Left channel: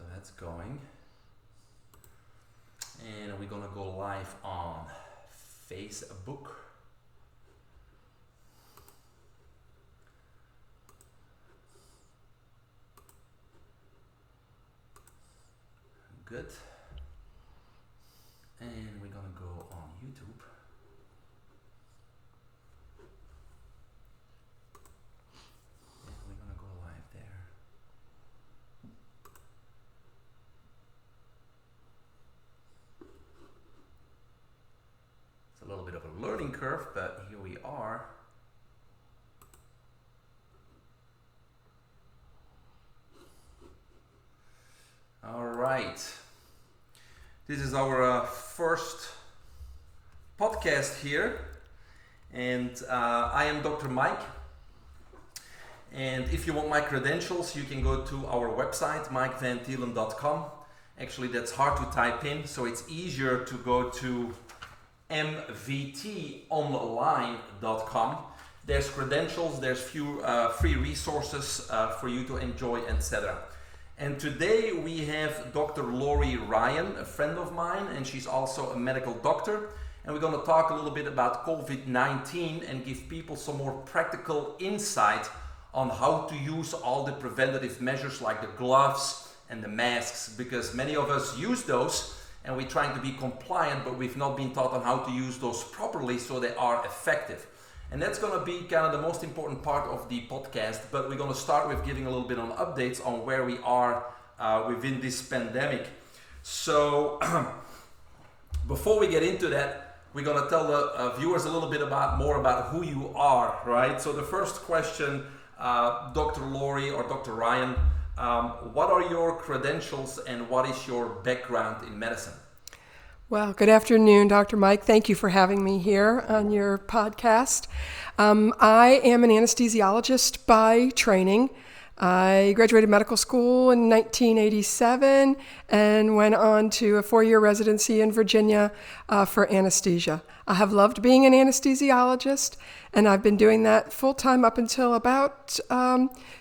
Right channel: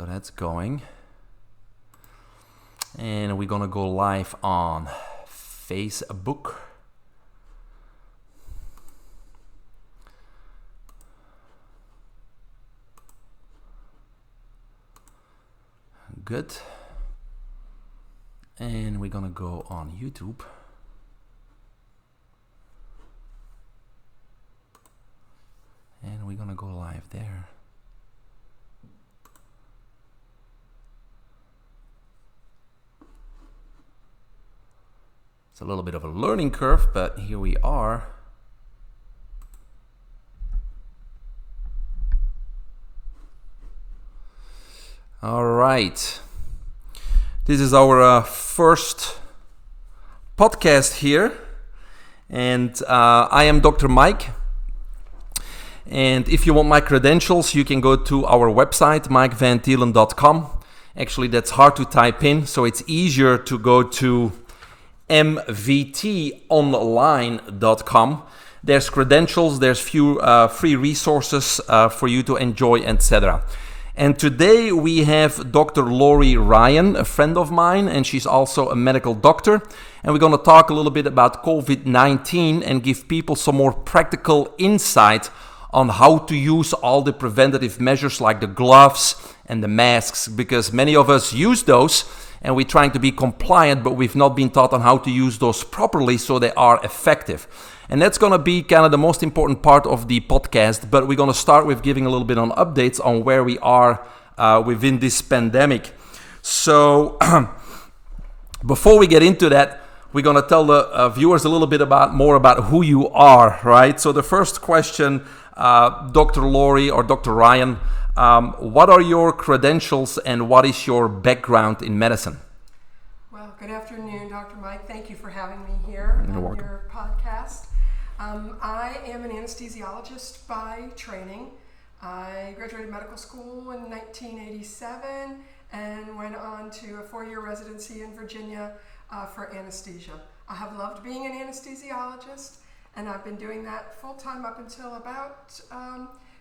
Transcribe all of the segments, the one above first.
So that's going. And we're gonna go live on Facebook. Good. And we're gonna go on YouTube. And we're gonna go live there. It's a little bit of a learning curve, but here we are. All right. This is our first podcast here. And I am Dr. Mike. And if you want my credentials, you can go to our website, mikevanthielen.com. Actually, that's hard to type in, so it's easier to go to mvtonline.com. There's credentials, there's few free resources for you to enjoy, etc. And today we have Dr. Lorri Ryan, a friend of mine, and she's also a medical doctor. And we're going to talk a little bit about COVID-19 and give people some more practical insight on how to use all the preventative measures like the gloves and the masks, because many of us use those and we're trying to be compliant, but we've not been taught on how to use those properly so they are effective. And that's going to be kind of the most important part of the podcast, but we're going to start with giving a little bit on updates on where we are within this pandemic. So before we get into that, we're going to tell the viewers a little bit more about who you are, right? So the first question, Dr. Lorri or Dr. Ryan, what are your credentials and what is your background in medicine? Well, good afternoon, Dr. Mike. Thank you for having me here on your podcast. I am an anesthesiologist by training. I graduated medical school in 1987 and went on to a 4-year residency in Virginia for anesthesia. I have loved being an anesthesiologist, and I've been doing that full-time up until about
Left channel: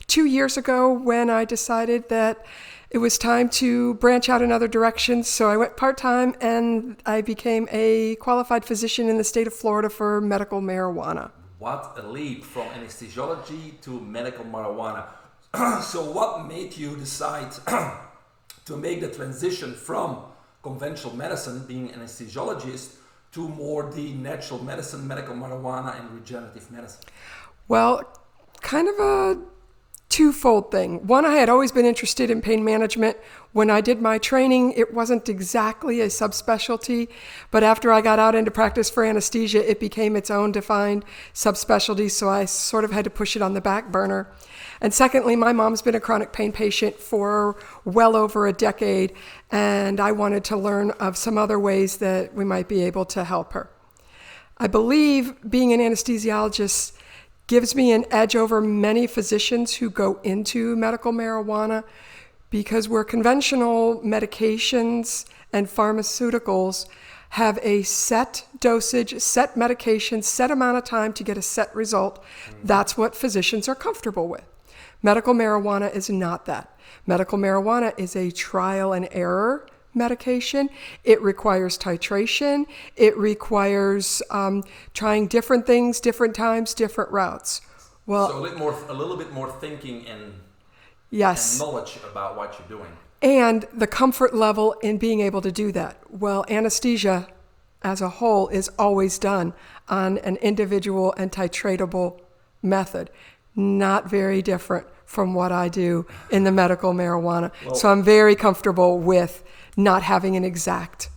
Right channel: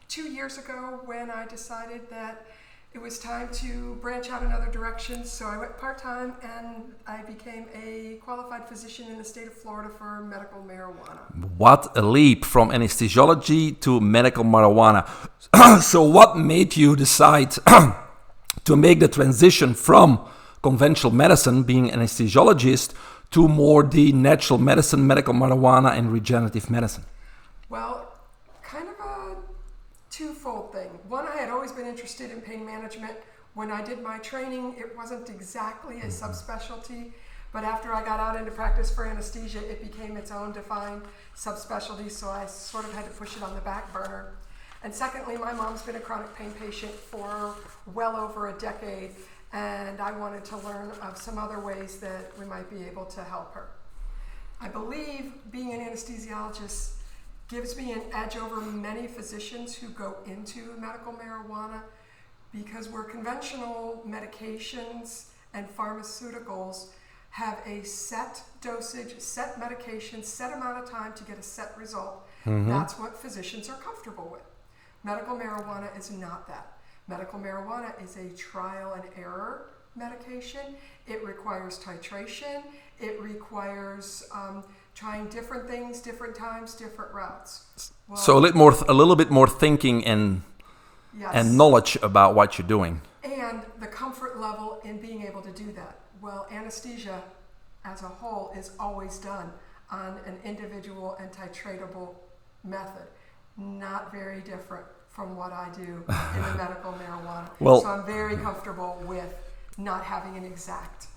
2 years ago when I decided that it was time to branch out in other directions. So I went part-time and I became a qualified physician in the state of Florida for medical marijuana. What a leap from anesthesiology to medical marijuana. So what made you decide to make the transition from conventional medicine, being anesthesiologist, to more the natural medicine, medical marijuana, and regenerative medicine? Well, kind of a twofold thing. One, I had always been interested in pain management. When I did my training, it wasn't exactly a subspecialty, but after I got out into practice for anesthesia, it became its own defined subspecialty, so I sort of had to push it on the back burner. And secondly, my mom's been a chronic pain patient for well over a decade, and I wanted to learn of some other ways that we might be able to help her. I believe being an anesthesiologist gives me an edge over many physicians who go into medical marijuana, because where conventional medications and pharmaceuticals have a set dosage, set medication, set amount of time to get a set result, that's what physicians are comfortable with. Medical marijuana is not that. Medical marijuana is a trial and error medication. It requires titration. It requires trying different things, different times, different routes. Well, so a little bit more thinking and knowledge about what you're doing. And the comfort level in being able to do that. Well, anesthesia as a whole is always done on an individual and titratable method. Not very different from what I do in the medical marijuana. So I'm very comfortable with not having an exact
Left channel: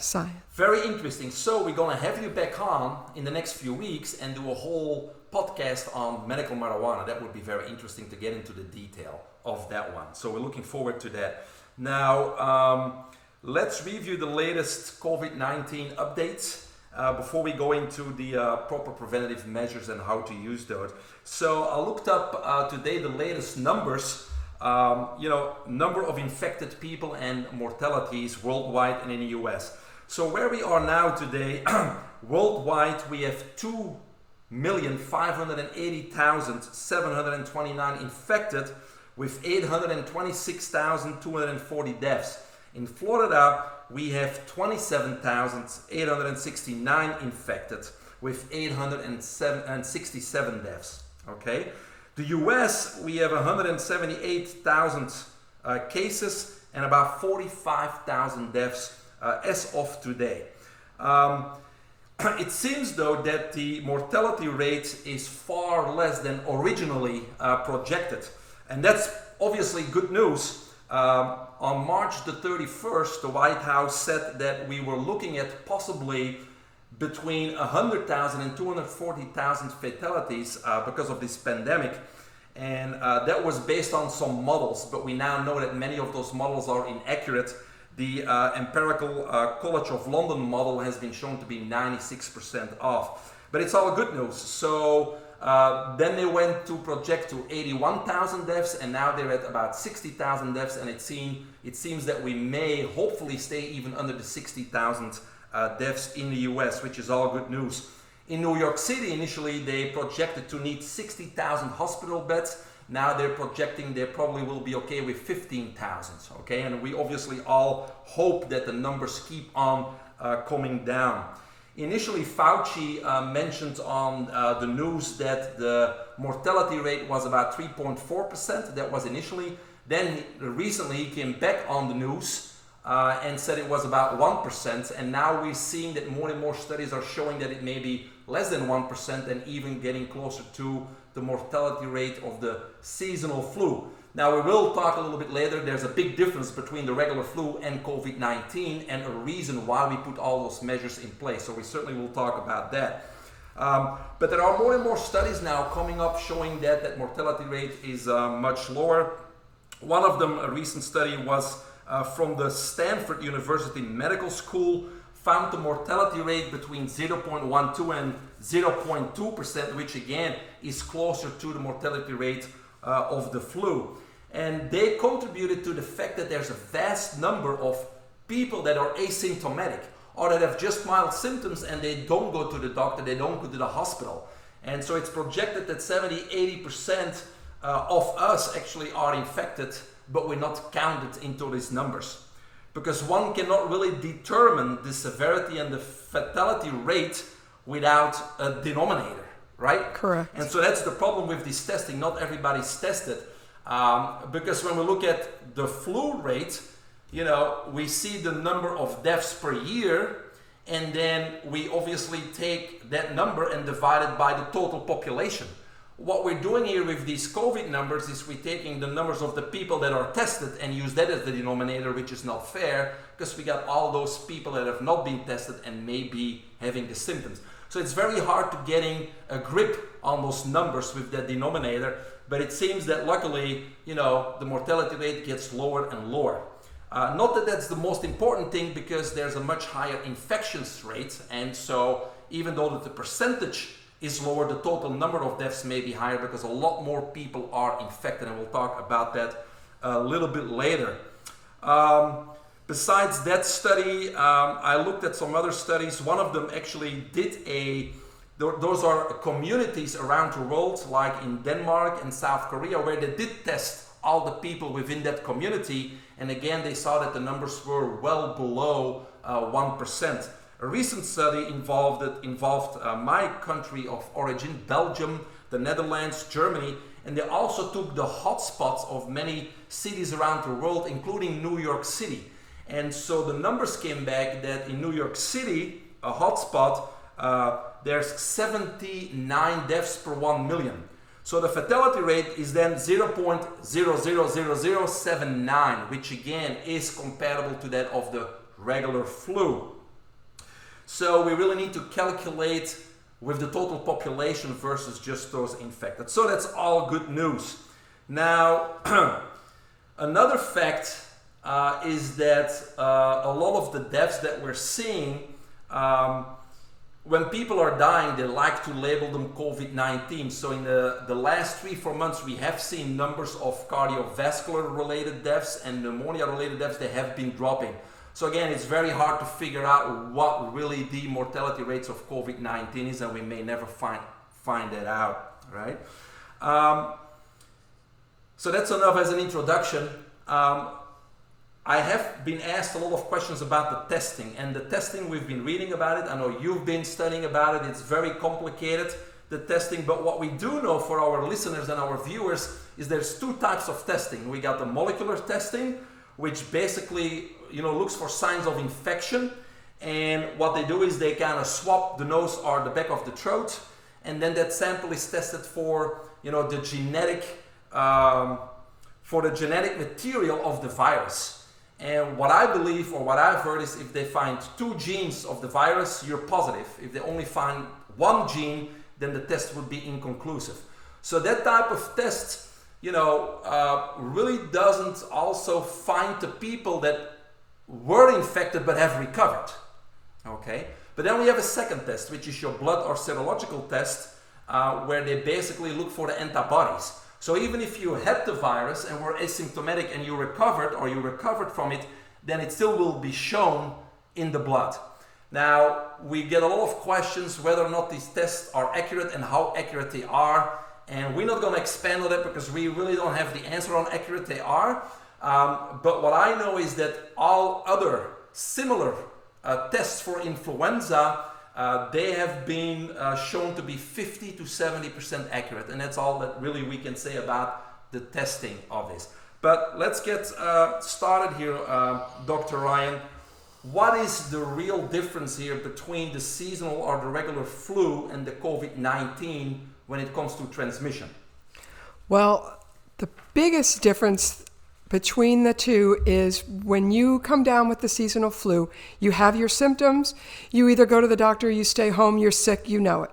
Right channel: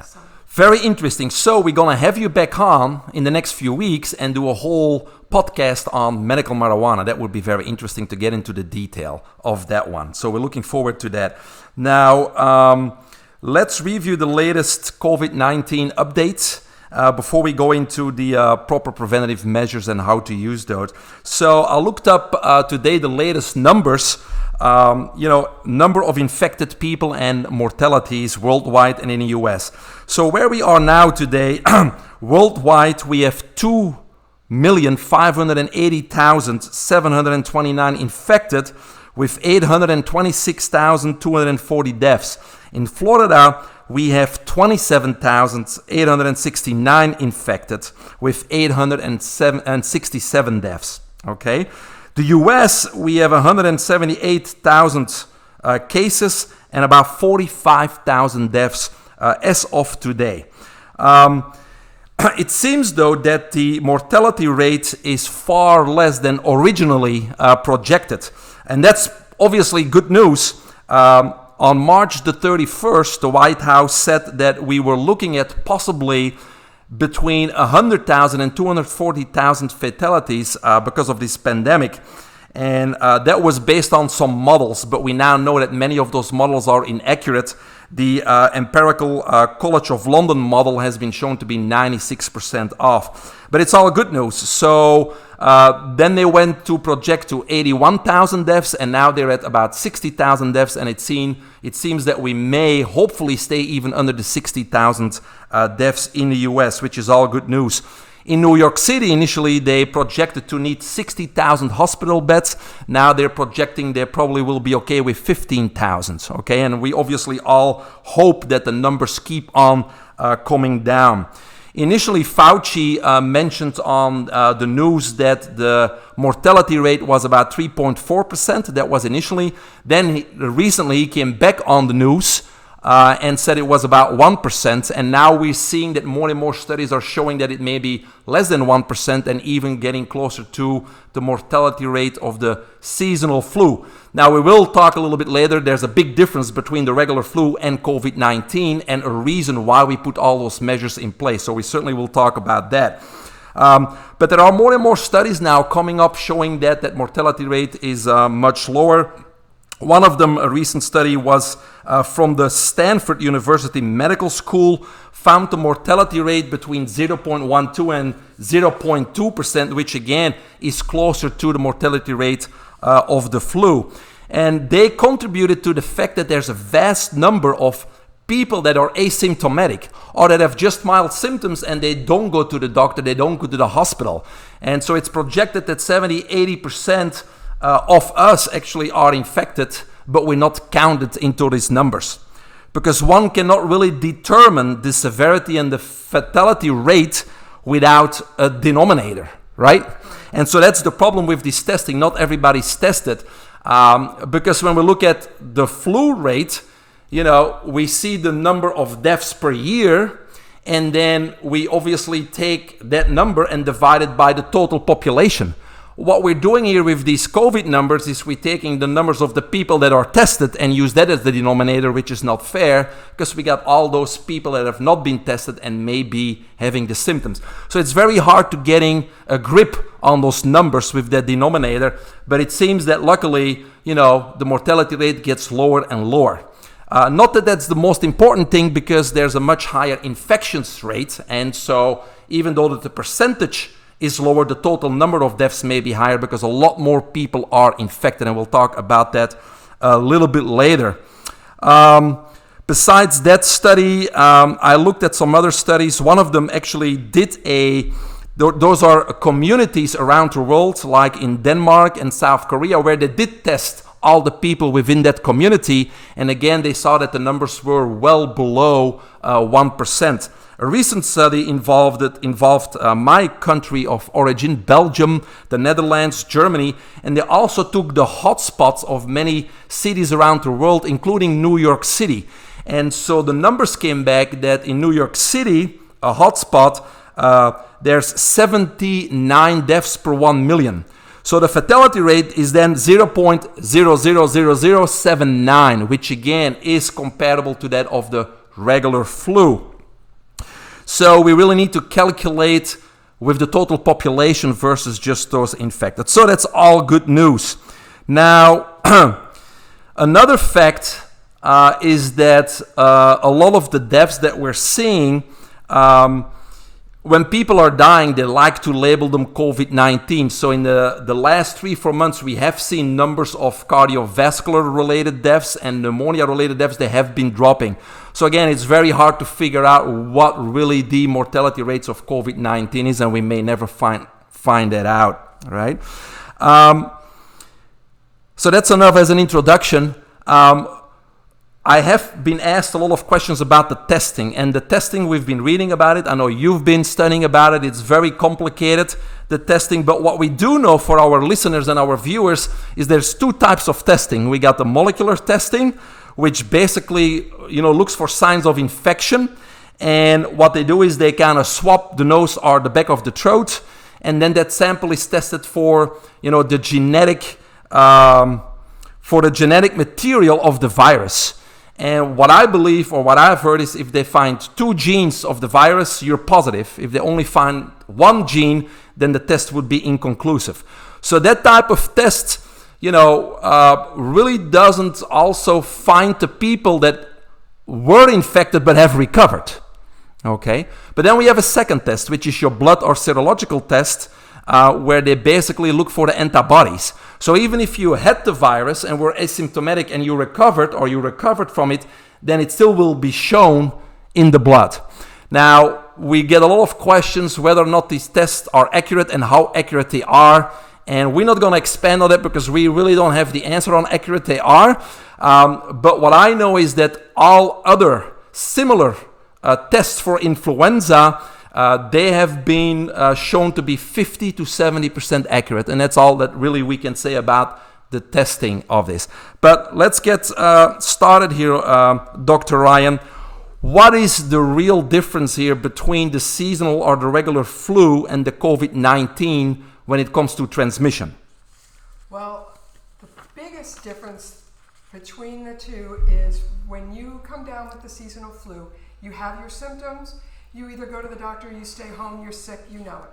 science. Very interesting. So we're going to have you back on in the next few weeks and do a whole podcast on medical marijuana. That would be very interesting to get into the detail of that one. So we're looking forward to that. Now, let's review the latest COVID-19 updates before we go into the proper preventative measures and how to use those. So I looked up today the latest numbers. Number of infected people and mortalities worldwide and in the US. So where we are now today, worldwide, we have 2,580,729 infected with 826,240 deaths. In Florida, we have 27,869 infected with 867 deaths. Okay, the US, we have 178,000 cases and about 45,000 deaths as of today. It seems, though, that the mortality rate is far less than originally projected. And that's obviously good news. On March the 31st, the White House said that we were looking at possibly between 100,000 and 240,000 fatalities because of this pandemic. And that was based on some models, but we now know that many of those models are inaccurate. The empirical College of London model has been shown to be 96% off. But it's all good news. So then they went to project to 81,000 deaths, and now they're at about 60,000 deaths. And it seems that we may hopefully stay even under the 60,000 deaths in the US, which is all good news. In New York City, initially, they projected to need 60,000 hospital beds. Now they're projecting they probably will be okay with 15,000, okay? And we obviously all hope that the numbers keep on coming down. Initially, Fauci mentioned on the news that the mortality rate was about 3.4%. That was initially. Then recently, he came back on the news and said it was about 1%, and now we're seeing that more and more studies are showing that it may be less than 1% and even getting closer to the mortality rate of the seasonal flu. Now, we will talk a little bit later. There's a big difference between the regular flu and COVID-19 and a reason why we put all those measures in place, so we certainly will talk about that. But there are more and more studies now coming up showing that mortality rate is much lower. One of them, a recent study, was from the Stanford University Medical School, found the mortality rate between 0.12 and 0.2%, which again is closer to the mortality rate of the flu. And they contributed to the fact that there's a vast number of people that are asymptomatic or that have just mild symptoms and they don't go to the doctor, they don't go to the hospital. And so it's projected that 70-80% of us actually are infected, but we're not counted into these numbers. Because one cannot really determine the severity and the fatality rate without a denominator, right? Correct. And so that's the problem with this testing. Not everybody's tested. Because when we look at the flu rate, we see the number of deaths per year, and then we obviously take that number and divide it by the total population. What we're doing here with these COVID numbers is we're taking the numbers of the people that are tested and use that as the denominator, which is not fair because we got all those people that have not been tested and may be having the symptoms. So it's very hard to getting a grip on those numbers with that denominator, but it seems that luckily, the mortality rate gets lower and lower. Not that that's the most important thing because there's a much higher infections rate, and so even though that the percentage is lower, the total number of deaths may be higher because a lot more people are infected, and we'll talk about that a little bit later. Besides that study, I looked at some other studies. One of them actually did those are communities around the world, like in Denmark and South Korea, where they did test all the people within that community, and again, they saw that the numbers were well below 1%. A recent study involved my country of origin, Belgium, the Netherlands, Germany, and they also took the hotspots of many cities around the world, including New York City. And so the numbers came back that in New York City, a hotspot, there's 79 deaths per 1 million. So the fatality rate is then 0.000079, which again is comparable to that of the regular flu. So we really need to calculate with the total population versus just those infected. So that's all good news. Now, another fact is that a lot of the deaths that we're seeing, when people are dying, they like to label them COVID-19. So in the last 3-4 months, we have seen numbers of cardiovascular-related deaths and pneumonia-related deaths. They have been dropping. So again, it's very hard to figure out what really the mortality rates of COVID-19 is, and we may never find that out, right? So that's enough as an introduction. I have been asked a lot of questions about the testing, and the testing, we've been reading about it. I know you've been studying about it. It's very complicated, the testing, but what we do know for our listeners and our viewers is there's two types of testing. We got the molecular testing, which basically, looks for signs of infection. And what they do is they kind of swab the nose or the back of the throat, and then that sample is tested for, the genetic material of the virus. And what I believe, or what I've heard, is if they find 2 genes of the virus, you're positive. If they only find 1 gene, then the test would be inconclusive. So that type of test, really doesn't also find the people that were infected but have recovered. Okay, but then we have a second test, which is your blood or serological test, where they basically look for the antibodies. So even if you had the virus and were asymptomatic and you recovered from it, then it still will be shown in the blood. Now, we get a lot of questions whether or not these tests are accurate and how accurate they are. And we're not going to expand on that because we really don't have the answer on how accurate they are. But what I know is that all other similar tests for influenza, they have been shown to be 50 to 70% accurate. And that's all that really we can say about the testing of this. But let's get started here, Dr. Ryan. What is the real difference here between the seasonal or the regular flu and the COVID-19 when it comes to transmission? Well, the biggest difference between the two is when you come down with the seasonal flu, you have your symptoms, you either go to the doctor, you stay home, you're sick, you know it.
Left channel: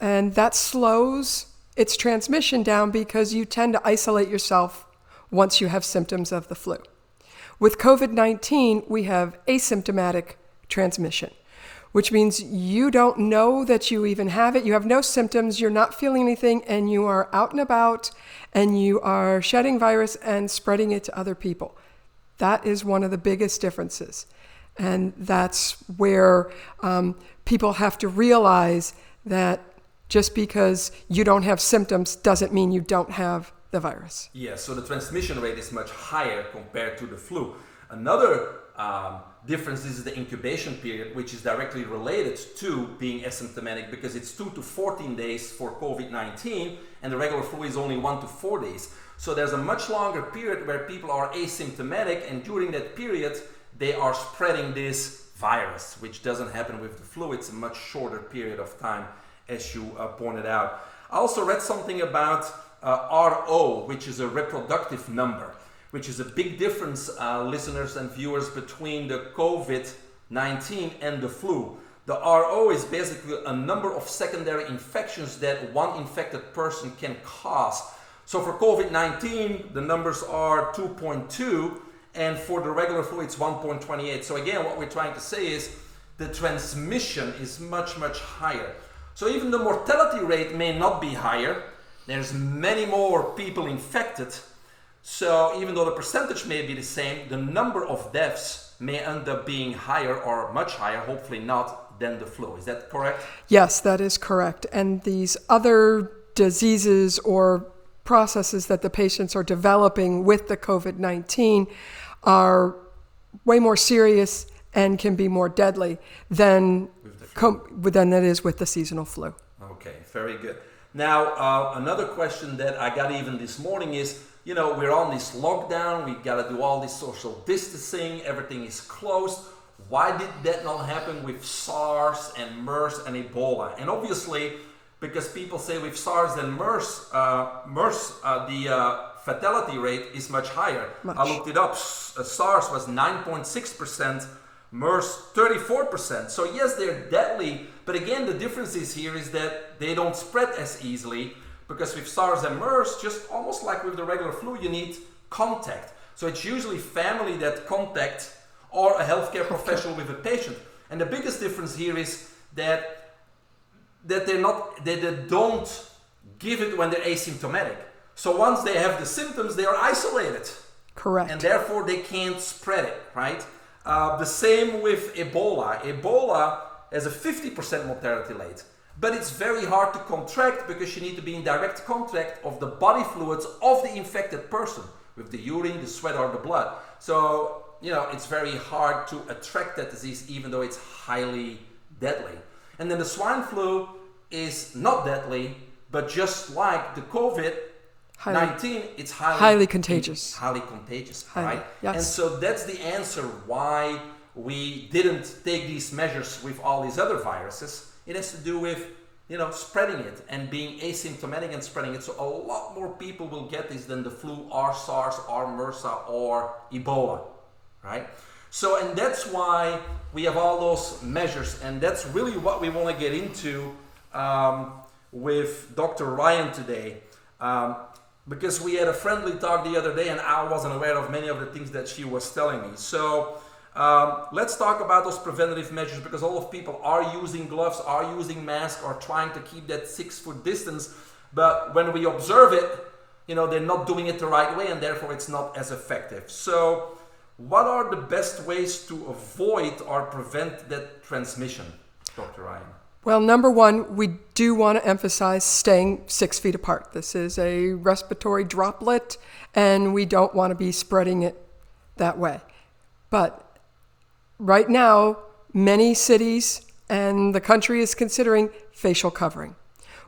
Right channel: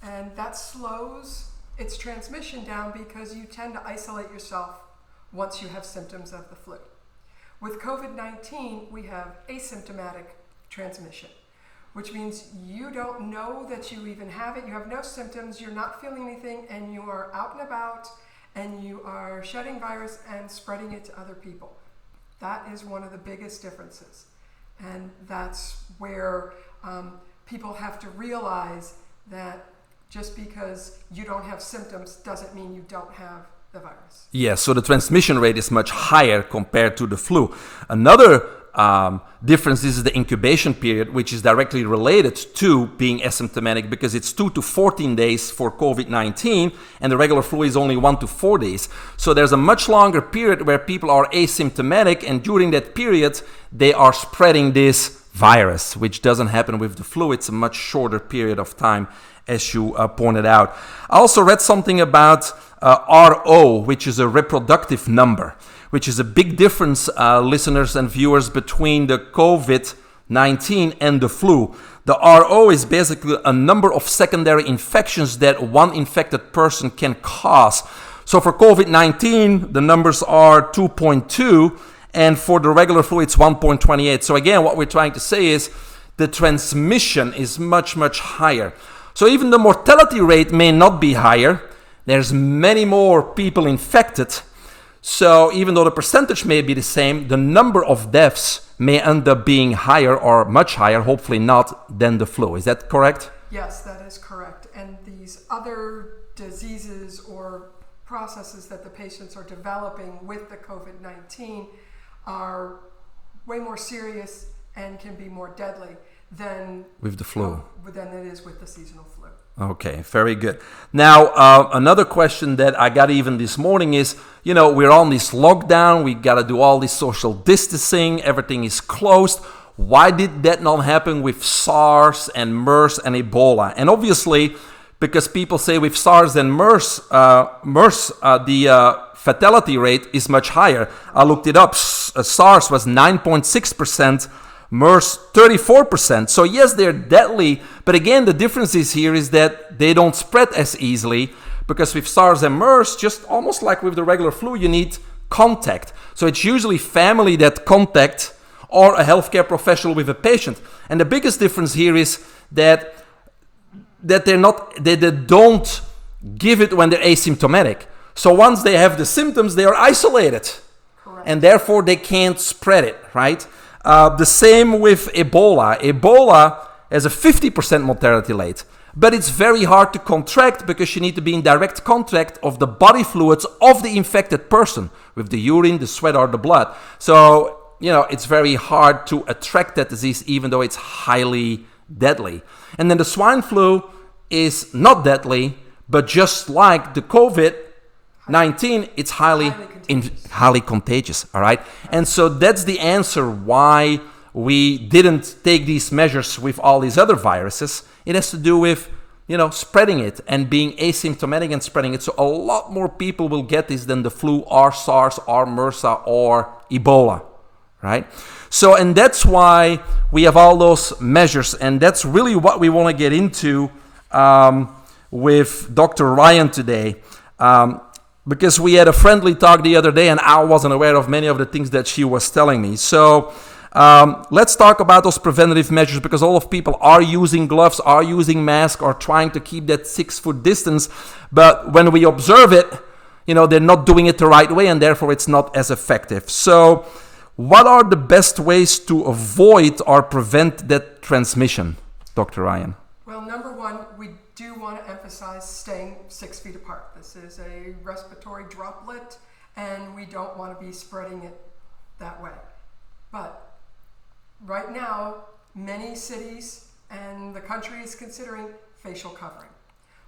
And that slows its transmission down because you tend to isolate yourself once you have symptoms of the flu. With COVID-19, we have asymptomatic transmission, which means you don't know that you even have it. You have no symptoms, you're not feeling anything, and you are out and about, and you are shedding virus and spreading it to other people. That is one of the biggest differences. And that's where people have to realize that just because you don't have symptoms doesn't mean you don't have the virus. Yeah, so the transmission rate is much higher compared to the flu. Another difference is the incubation period, which is directly related to being asymptomatic because it's 2 to 14 days for COVID-19 and the regular flu is only 1 to 4 days. So there's a much longer period where people are asymptomatic, and during that period they are spreading this virus, which doesn't happen with the flu. It's a much shorter period of time, as you pointed out. I also read something about RO, which is a reproductive number, which is a big difference, listeners and viewers, between the COVID-19 and the flu. The RO is basically a number of secondary infections that one infected person can cause. So for COVID-19, the numbers are 2.2, and for the regular flu, it's 1.28. So again, what we're trying to say is the transmission is much, much higher. So even the mortality rate may not be higher. There's many more people infected. So even though the percentage may be the same, the number of deaths may end up being higher or much higher, hopefully not, than the flu. Is that correct? Yes, that is correct. And these other diseases or processes that the patients are developing with the COVID-19 are way more serious and can be more deadly than with the flu, than it is with the seasonal flu. Okay, very good. Now, another question that I got even this morning is, we're on this lockdown, we got to do all this social distancing, everything is closed. Why did that not happen with SARS and MERS and Ebola? And obviously, because people say with SARS and MERS, the fatality rate is much higher. I looked it up. SARS was 9.6%. MERS 34%. So yes, they're deadly, but again, the difference here is that they don't spread as easily, because with SARS and MERS, just almost like with the regular flu, you need contact. So it's usually family that contact or a healthcare professional with a patient. And the biggest difference here is that they don't give it when they're asymptomatic. So once they have the symptoms, they are isolated. Correct. And therefore they can't spread it, right? The same with Ebola. Ebola has a 50% mortality rate. but it's very hard to contract because you need to be in direct contact of the body fluids of the infected person with the urine, the sweat, or the blood. So, it's very hard to attract that disease, even though it's highly deadly. And then the swine flu is not deadly, but just like the COVID-19, it's highly contagious. Highly contagious, all right? Yes. And so that's the answer why we didn't take these measures with all these other viruses. It has to do with, spreading it and being asymptomatic and spreading it. So a lot more people will get this than the flu or SARS or MRSA or Ebola, right? So, and that's why we have all those measures. And that's really what we want to get into with Dr. Ryan today. Because we had a friendly talk the other day and I wasn't aware of many of the things that she was telling me. So let's talk about those preventative measures, because a lot of people are using gloves, are using masks, or trying to keep that 6-foot distance. But when we observe it, they're not doing it the right way, and therefore it's not as effective. So what are the best ways to avoid or prevent that transmission, Dr. Ryan? Well, number one, we do want to emphasize staying 6 feet apart. This is a respiratory droplet, and we don't want to be spreading it that way. But right now, many cities and the country is considering facial covering,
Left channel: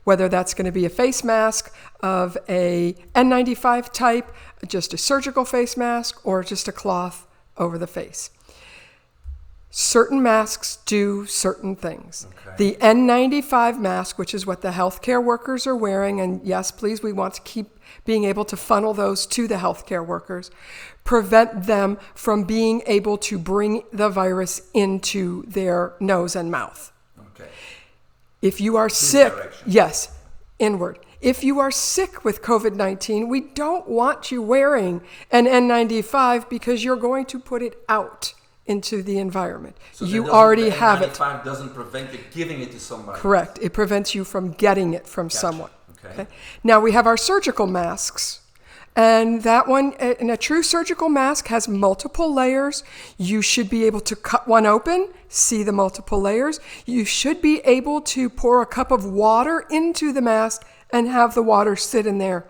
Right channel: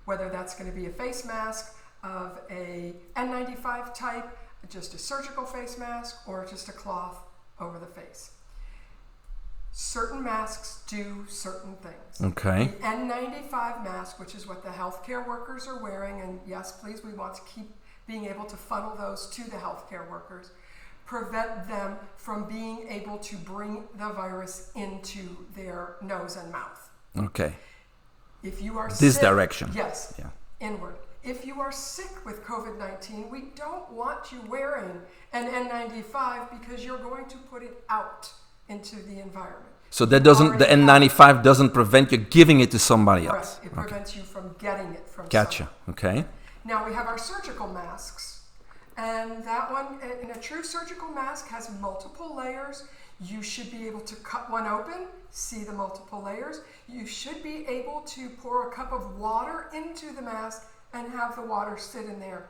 whether that's going to be a face mask of a N95 type, just a surgical face mask, or just a cloth over the face. Certain masks do certain things. Okay. The N95 mask, which is what the healthcare workers are wearing, and yes, please, we want to keep being able to funnel those to the healthcare workers, prevent them from being able to bring the virus into their nose and mouth. Okay. If you are This sick, direction. yes, Yeah. inward. If you are sick with COVID-19, we don't want you wearing an N95 because you're going to put it out into the environment. So You that doesn't, already the have it. N95 doesn't prevent you giving it to somebody Correct. else. It prevents you from getting it from Gotcha. someone. Okay. Now we have our surgical masks. And that one, and a true surgical mask has multiple layers. You should be able to cut one open, see the multiple layers. You should be able to pour a cup of water into the mask and have the water sit in there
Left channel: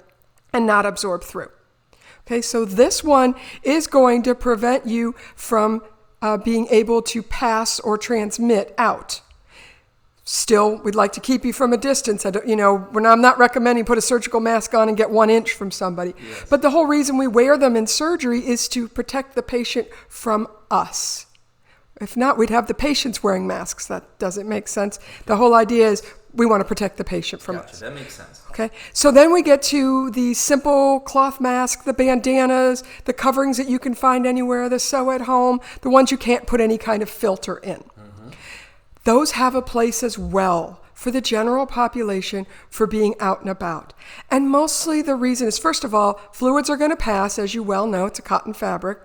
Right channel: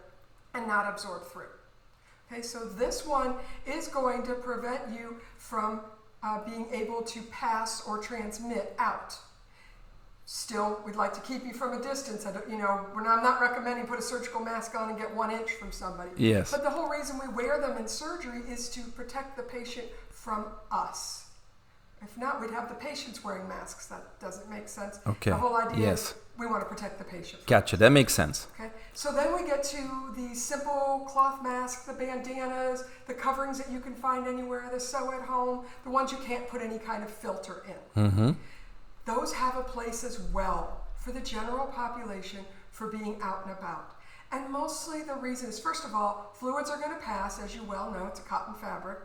and not absorb through. Okay, so this one is going to prevent you from being able to pass or transmit out. Still, we'd like to keep you from a distance. I'm not recommending put a surgical mask on and get 1 inch from somebody. Yes. But the whole reason we wear them in surgery is to protect the patient from us. If not, we'd have the patients wearing masks. That doesn't make sense. Okay. The whole idea Yes. is we want to protect the patient from Gotcha. us. That makes sense. Okay, so then we get to the simple cloth mask, the bandanas, the coverings that you can find anywhere, the sew at home, the ones you can't put any kind of filter in. Mm-hmm. Those have a place as well for the general population for being out and about. And mostly the reason is, first of all, fluids are going to pass, as you well know, it's a cotton fabric.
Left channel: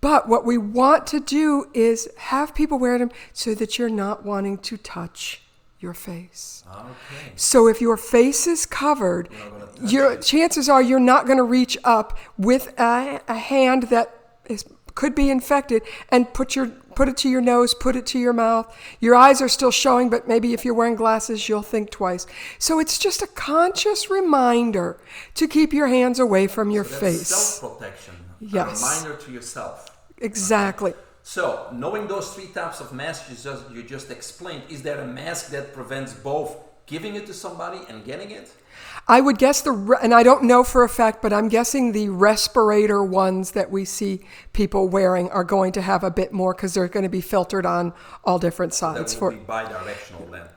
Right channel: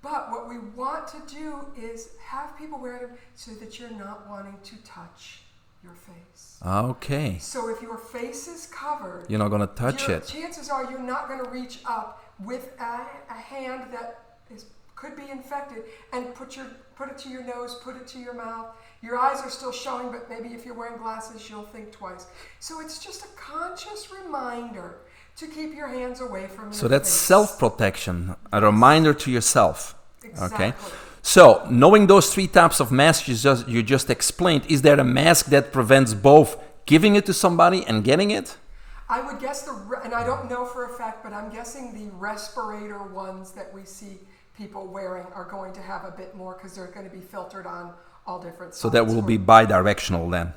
But what we want to do is have people wear them so that you're not wanting to touch your face. Okay. So if your face is covered, You're not going to touch it. chances are you're not going to reach up with a hand that could be infected and put it to your nose, put it to your mouth. Your eyes are still showing, but maybe if you're wearing glasses, you'll think twice. So it's just a conscious reminder to keep your hands away from your face. So that's self-protection, Yes. a reminder to yourself. Exactly. Okay. So knowing those 3 types of masks you just explained, is there a mask that prevents both giving it to somebody and getting it? I would guess and I don't know for a fact, but I'm guessing the respirator ones that we see people wearing are going to have a bit more because they're going to be filtered on all different sides. So that will be bi-directional then.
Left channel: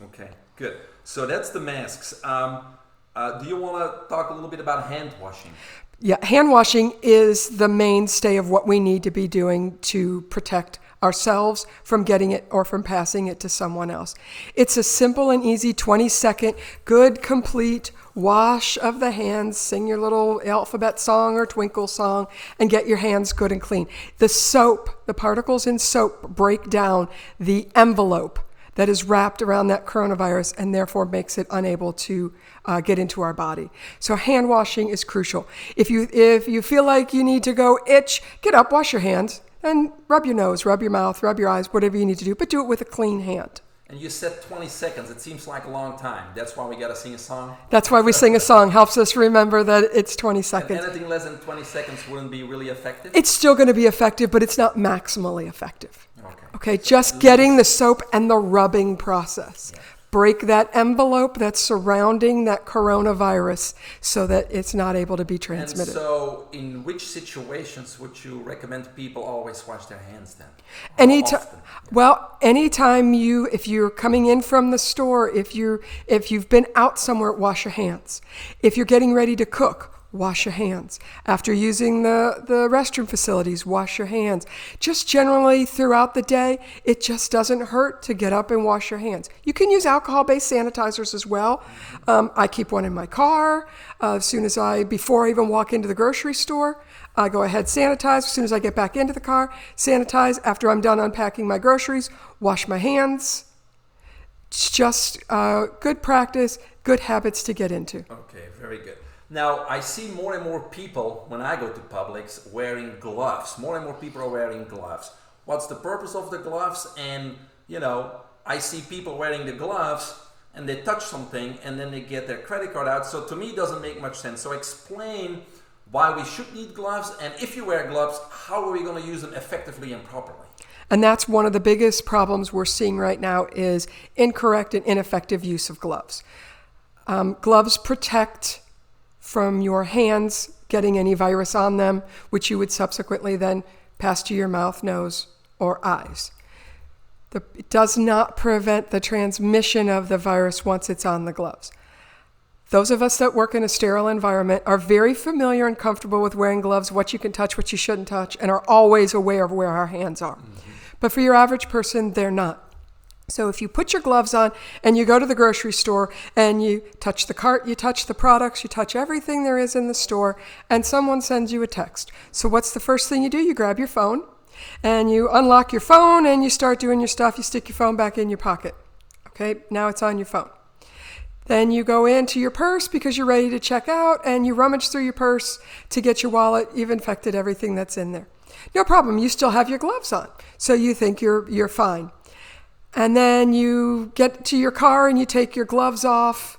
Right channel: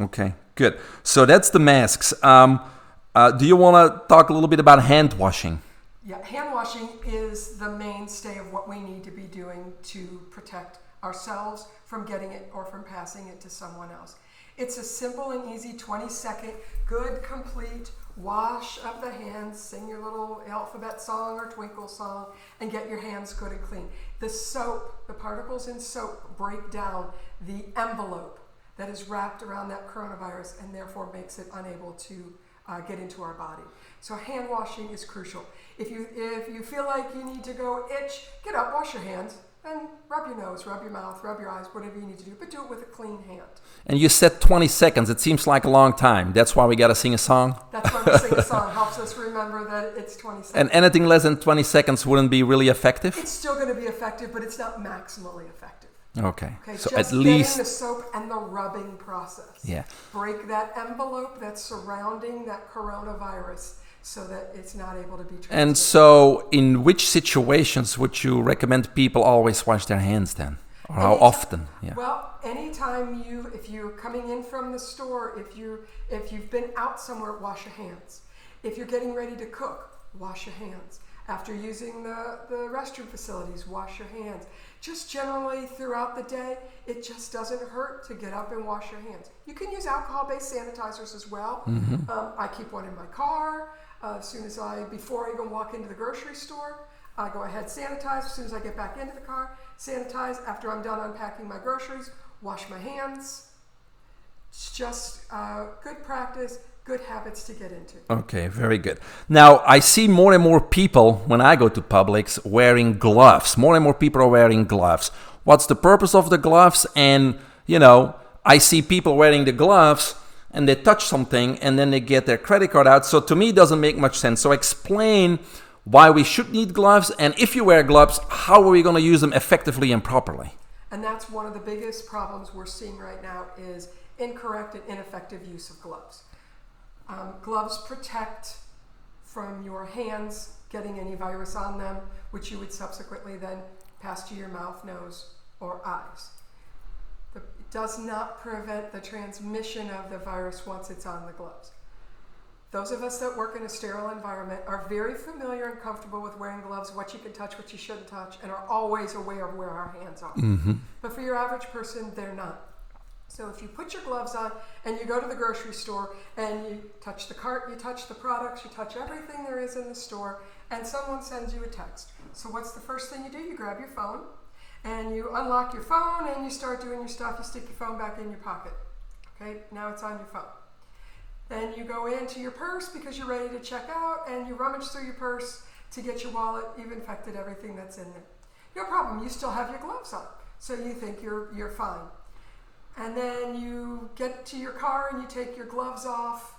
Okay, good. So that's the masks. Do you want to talk a little bit about hand washing? Yeah, hand washing is the mainstay of what we need to be doing to protect ourselves from getting it or from passing it to someone else. It's a simple and easy 20-second, good, complete wash of the hands. Sing your little alphabet song or twinkle song and get your hands good and clean. The soap, the particles in soap break down the envelope that is wrapped around that coronavirus and therefore makes it unable to get into our body. So hand washing is crucial. If you feel like you need to go itch, get up, wash your hands, and rub your nose, rub your mouth, rub your eyes, whatever you need to do, but do it with a clean hand. And you said 20 seconds. It seems like a long time. That's why we got to sing a song? That's why we sing a song. Helps us remember that it's 20 seconds. And anything less than 20 seconds wouldn't be really effective? It's still going to be effective, but it's not maximally effective. Okay. So just getting the soap and the rubbing process. Yeah. Break that envelope that's surrounding that coronavirus so that it's not able to be transmitted. And so in which situations would you recommend people always wash their hands then? Or how often? Yeah. Well, anytime if you're coming in from the store, if you've been out somewhere, wash your hands. If you're getting ready to cook, wash your hands. After using the restroom facilities, wash your hands. Just generally throughout the day, it just doesn't hurt to get up and wash your hands. You can use alcohol-based sanitizers as well. I keep one in my car. Before I even walk into the grocery store, I go ahead, sanitize. As soon as I get back into the car, sanitize. After I'm done unpacking my groceries, wash my hands. It's just good practice, good habits to get into. Okay, very good. Now, I see more and more people, when I go to Publix, wearing gloves. More and more people are wearing gloves. What's the purpose of the gloves? And, I see people wearing the gloves, and they touch something, and then they get their credit card out. So to me, it doesn't make much sense. So explain why we should need gloves, and if you wear gloves, how are we going to use them effectively and properly? And that's one of the biggest problems we're seeing right now is incorrect and ineffective use of gloves. Gloves protect from your hands getting any virus on them, which you would subsequently then pass to your mouth, nose, or eyes. It does not prevent the transmission of the virus once it's on the gloves. Those of us that work in a sterile environment are very familiar and comfortable with wearing gloves, what you can touch, what you shouldn't touch, and are always aware of where our hands are. But for your average person, they're not. So if you put your gloves on and you go to the grocery store and you touch the cart, you touch the products, you touch everything there is in the store, and someone sends you a text. So what's the first thing you do? You grab your phone and you unlock your phone and you start doing your stuff. You stick your phone back in your pocket. Okay, now it's on your phone. Then you go into your purse because you're ready to check out and you rummage through your purse to get your wallet. You've infected everything that's in there. No problem, you still have your gloves on. So you think you're fine. And then you get to your car and you take your gloves off.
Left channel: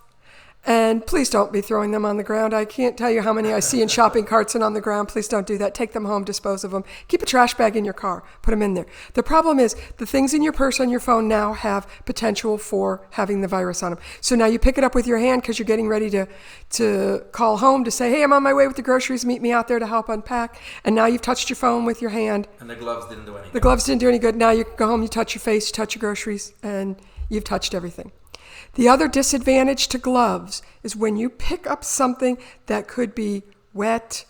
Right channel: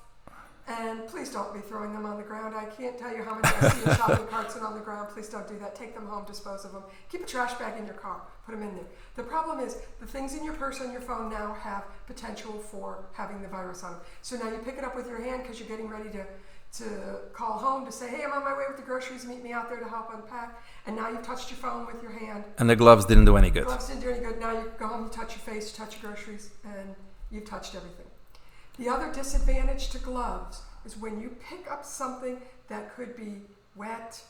And please don't be throwing them on the ground. I can't tell you how many I see in shopping carts and on the ground. Please don't do that. Take them home, dispose of them. Keep a trash bag in your car. Put them in there. The problem is the things in your purse on your phone now have potential for having the virus on them. So now you pick it up with your hand because you're getting ready to call home to say, hey, I'm on my way with the groceries. Meet me out there to help unpack. And now you've touched your phone with your hand. And the gloves didn't do any good. The gloves didn't do any good. Now you go home, you touch your face, you touch your groceries, and you've touched everything. The other disadvantage to gloves is when you pick up something that could be wet,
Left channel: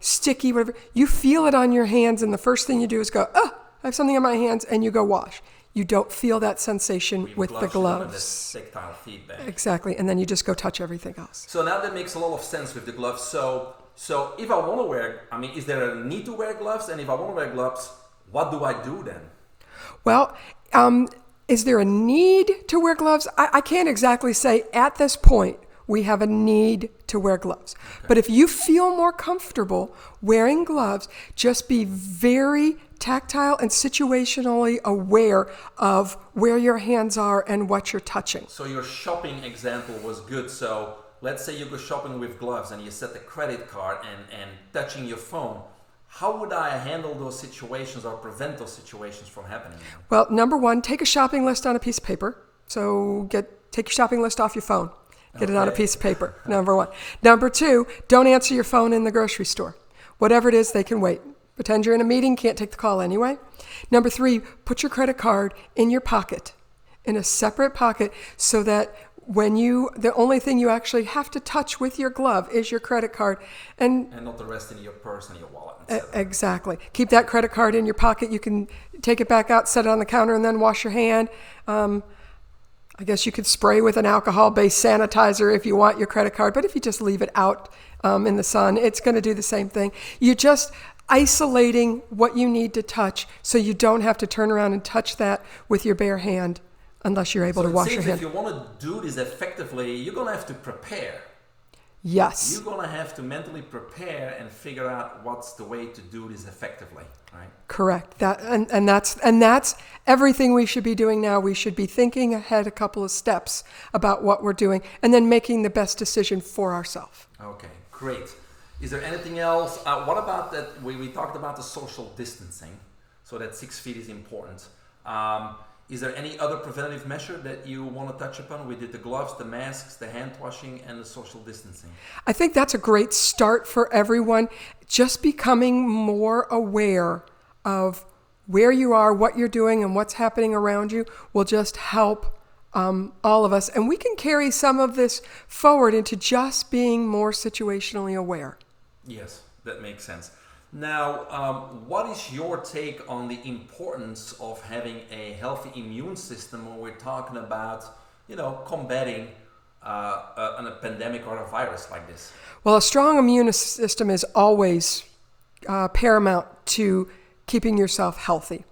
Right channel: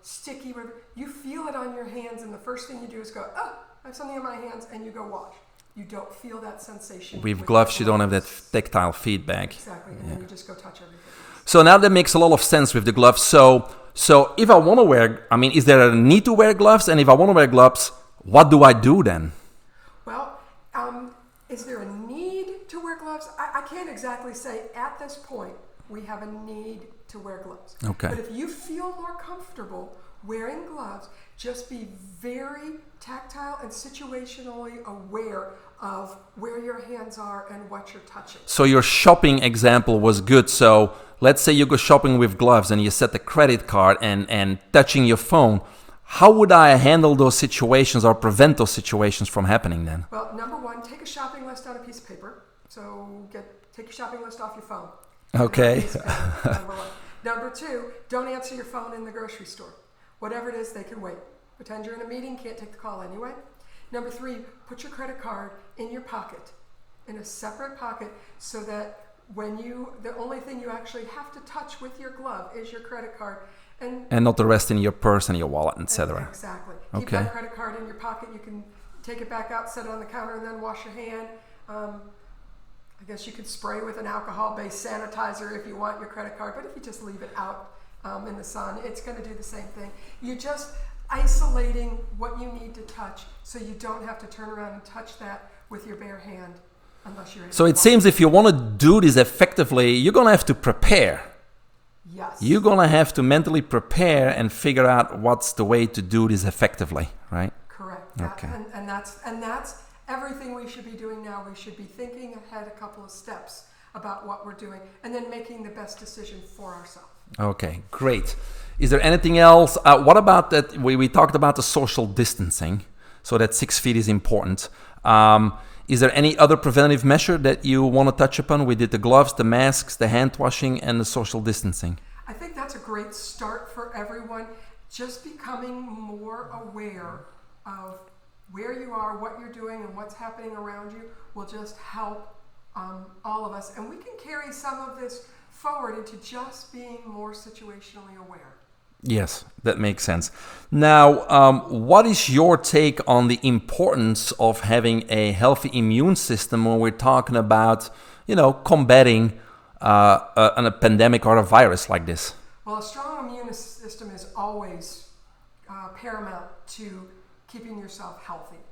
sticky, whatever, you feel it on your hands, and the first thing you do is go, I have something on my hands, and you go wash. You don't feel that sensation with gloves. The gloves. You don't have that tactile feedback. Exactly, and then you just go touch everything else. So now that makes a lot of sense with the gloves. So if I want to wear, is there a need to wear gloves? And if I want to wear gloves, what do I do then? Well, is there a need to wear gloves? I can't exactly say at this point we have a need to wear gloves. Okay. But if you feel more comfortable wearing gloves, just be very tactile and situationally aware of where your hands are and what you're touching. So your shopping example was good. So let's say you go shopping with gloves and you set the credit card and touching your phone. How would I handle those situations or prevent those situations from happening then? Well, number one, take a shopping list on a piece of paper. So take your shopping list off your phone. Get it on a piece of paper, number one. Number two, don't answer your phone in the grocery store. Whatever it is, they can wait. Pretend you're in a meeting, can't take the call anyway. Number three, put your credit card in your pocket, in a separate pocket, so that the only thing you actually have to touch with your glove is your credit card. And not the rest in your purse and your wallet, etc. Exactly. Keep that credit card in your pocket. You can take it back out, set it on the counter, and then wash your hand. I guess you could spray with an alcohol-based sanitizer if you want your credit card, but if you just leave it out in the sun, it's going to do the same thing. You're just isolating what you need to touch so you don't have to turn around and touch that with your bare hand unless you're able to wash So it seems your if you want to do this effectively, you're going to have to prepare. Yes. You're going to have to mentally prepare and figure out what's the way to do this effectively, right? Correct. And that's everything we should be doing now. We should be thinking ahead a couple of steps about what we're doing and then making the best decision for ourselves. Okay, great. Is there anything else? What about that? We talked about the social distancing, so that 6 feet is important. Is there any other preventative measure that you want to touch upon? We did the gloves, the masks, the hand washing, and the social distancing. I think that's a great start for everyone. Just becoming more aware of where you are, what you're doing, and what's happening around you will just help all of us. And we can carry some of this forward into just being more situationally aware. Yes, that makes sense. Now, what is your take on the importance of having a healthy immune system when we're talking about, combating a pandemic or a virus like this? Well, a strong immune system is always paramount to keeping yourself healthy.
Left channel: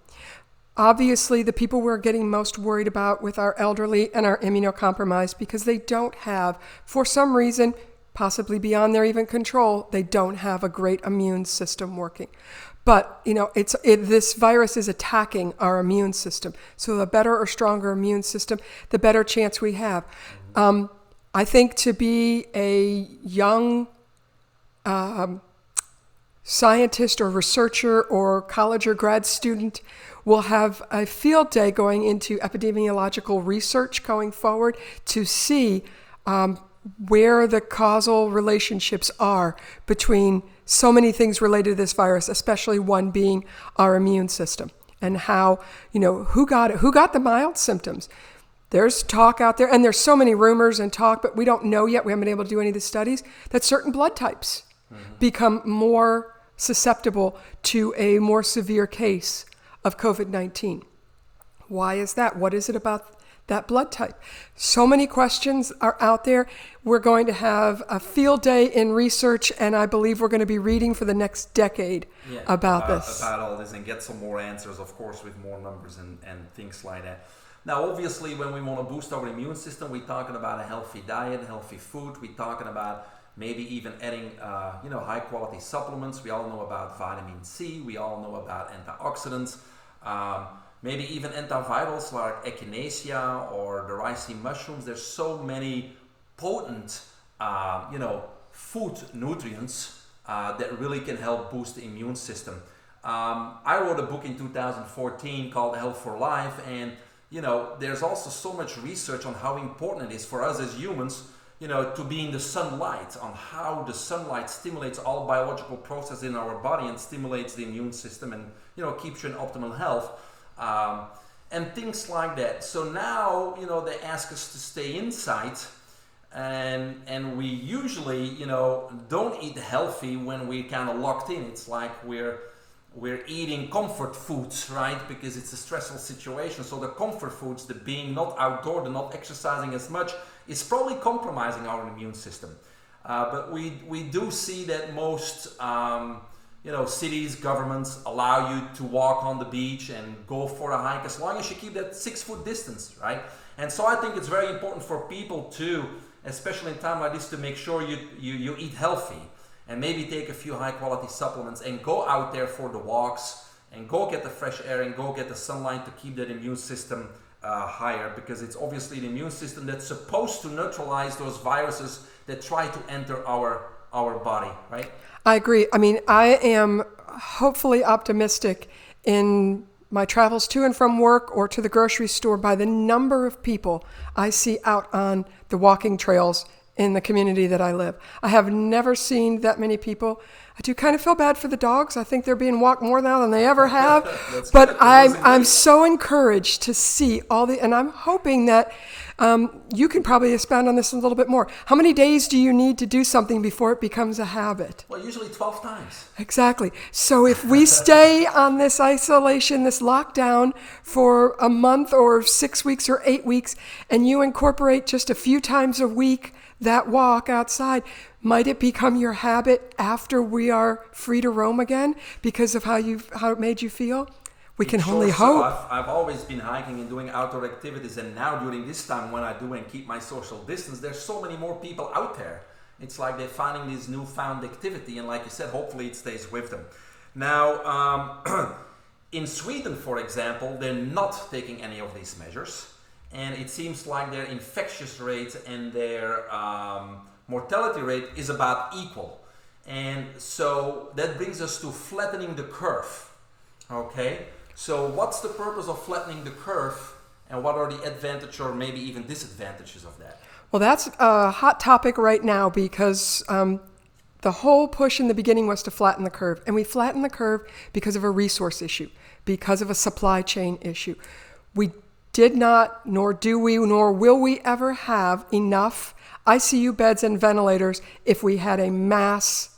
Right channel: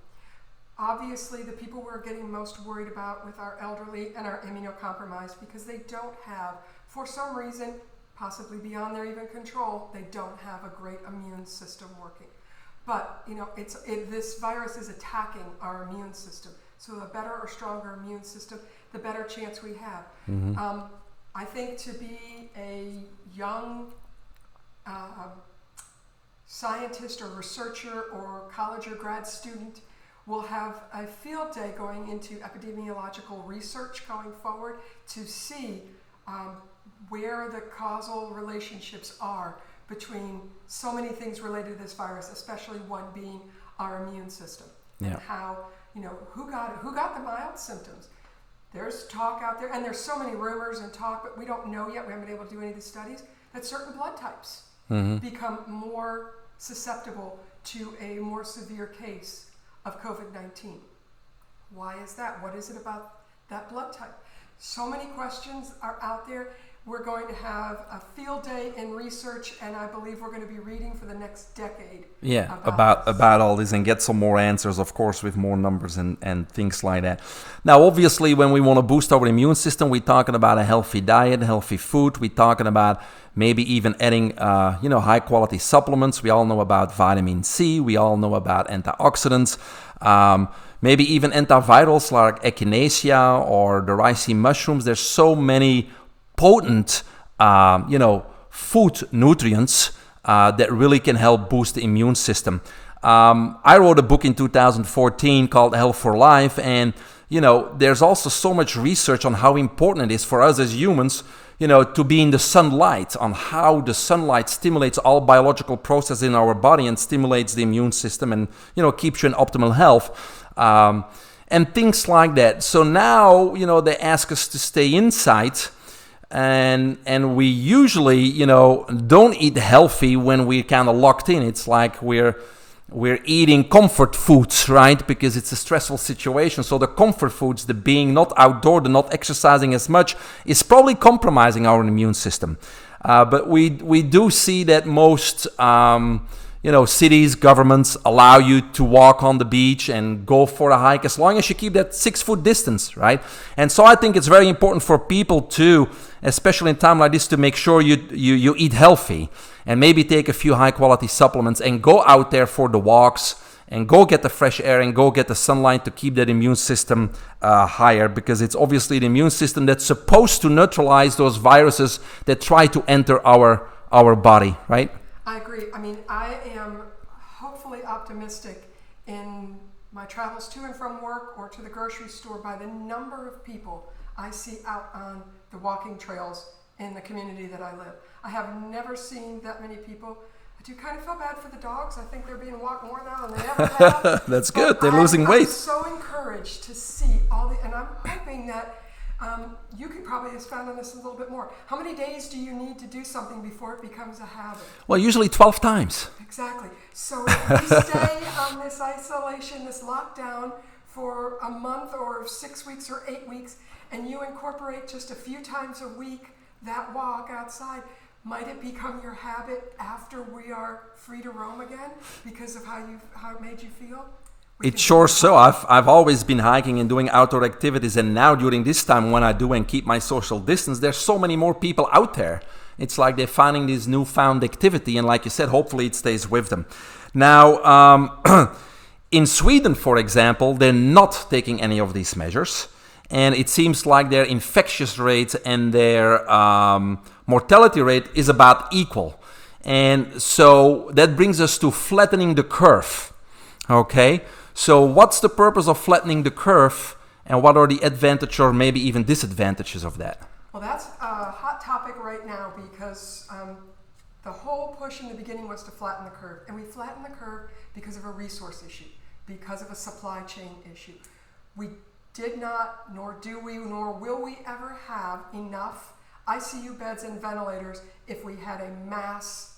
Obviously, the people we're getting most worried about with our elderly and our immunocompromised because they don't have, for some reason, possibly beyond their even control, they don't have a great immune system working. But, this virus is attacking our immune system. So the better or stronger immune system, the better chance we have. Mm-hmm. I think to be a young scientist or researcher or college or grad student will have a field day going into epidemiological research going forward to see where the causal relationships are between so many things related to this virus, especially one being our immune system, and how, who got the mild symptoms. There's talk out there, and there's so many rumors and talk, but we don't know yet, we haven't been able to do any of the studies, that certain blood types become more susceptible to a more severe case of COVID-19. Why is that? What is it about that blood type? So many questions are out there. We're going to have a field day in research, and I believe we're going to be reading for the next decade about all this and get some more answers, of course, with more numbers and things like that. Now, obviously, when we want to boost our immune system, we're talking about a healthy diet, healthy food. We're talking about maybe even adding, high-quality supplements. We all know about vitamin C. We all know about antioxidants. Maybe even antivirals like echinacea or the ricin mushrooms. There's so many potent, food nutrients that really can help boost the immune system. I wrote a book in 2014 called Health for Life, and there's also so much research on how important it is for us as humans, to be in the sunlight, on how the sunlight stimulates all biological processes in our body and stimulates the immune system and, keeps you in optimal health. And things like that. So now, they ask us to stay inside, and we usually, don't eat healthy when we're kind of locked in. It's like we're eating comfort foods, right? Because it's a stressful situation. So the comfort foods, the being not outdoor, the not exercising as much, is probably compromising our immune system. But we do see that most cities, governments allow you to walk on the beach and go for a hike as long as you keep that 6-foot distance, right? And so I think it's very important for people to, especially in time like this, to make sure you eat healthy and maybe take a few high-quality supplements and go out there for the walks and go get the fresh air and go get the sunlight to keep that immune system higher, because it's obviously the immune system that's supposed to neutralize those viruses that try to enter our body, right? I agree. I mean, I am hopefully optimistic in my travels to and from work or to the grocery store by the number of people I see out on the walking trails in the community that I live. I have never seen that many people. I do kind of feel bad for the dogs. I think they're being walked more now than they ever have. That's good. They're losing weight. I'm so encouraged to see and I'm hoping that you can probably expound on this a little bit more. How many days do you need to do something before it becomes a habit? Well, usually 12 times. Exactly. So if we stay on this isolation, this lockdown for a month or 6 weeks or 8 weeks, and you incorporate just a few times a week that walk outside, might it become your habit after we are free to roam again because of how it made you feel? It's sure so. I've always been hiking and doing outdoor activities, and now during this time when I do and keep my social distance, there's so many more people out there. It's like they're finding this newfound activity, and like you said, hopefully it stays with them. Now, in Sweden, for example, they're not taking any of these measures, and it seems like their infectious rate and their mortality rate is about equal. And so that brings us to flattening the curve. Okay, so what's the purpose of flattening the curve, and what are the advantages or maybe even disadvantages of that? Well, that's a hot topic right now because the whole push in the beginning was to flatten the curve. And we flattened the curve because of a resource issue, because of a supply chain issue. We did not, nor do we, nor will we ever have enough ICU beds and ventilators if we had a mass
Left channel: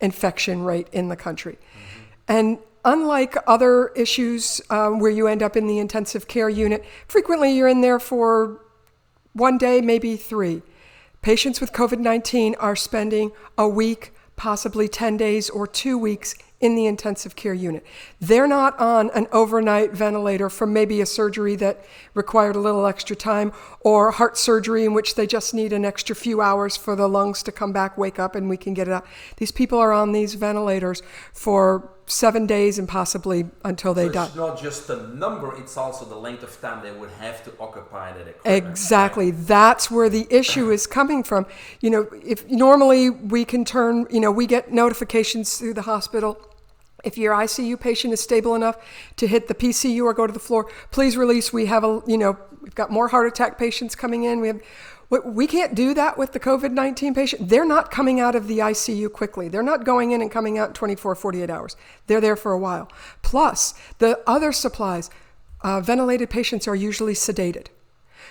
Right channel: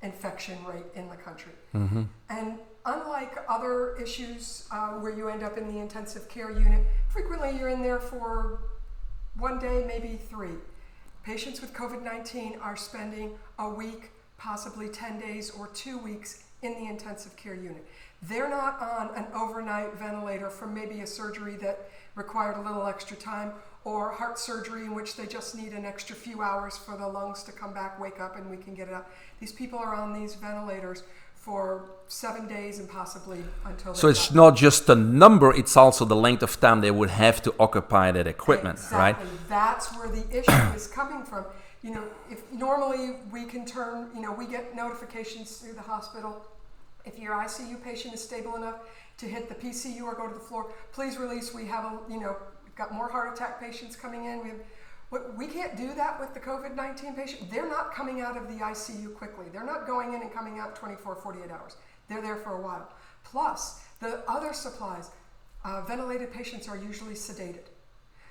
infection rate in the country. Mm-hmm. And unlike other issues where you end up in the intensive care unit, frequently you're in there for 1 day, maybe 3. Patients with COVID-19 are spending a week, possibly 10 days or 2 weeks in the intensive care unit. They're not on an overnight ventilator from maybe a surgery that required a little extra time, or heart surgery in which they just need an extra few hours for the lungs to come back, wake up, and we can get it up. These people are on these ventilators for 7 days and possibly until they die. So it's not just the number, it's also the length of time they would have to occupy that equipment. Exactly. Right? That's where the issue is coming from. You know, if normally we can turn, we get notifications through the hospital. If your ICU patient is stable enough to hit the PCU or go to the floor, please release. We have we've got more heart attack patients coming in. We can't do that with the COVID-19 patient. They're not coming out of the ICU quickly. They're not going in and coming out in 24, 48 hours. They're there for a while. Plus, the other supplies, ventilated patients are usually sedated.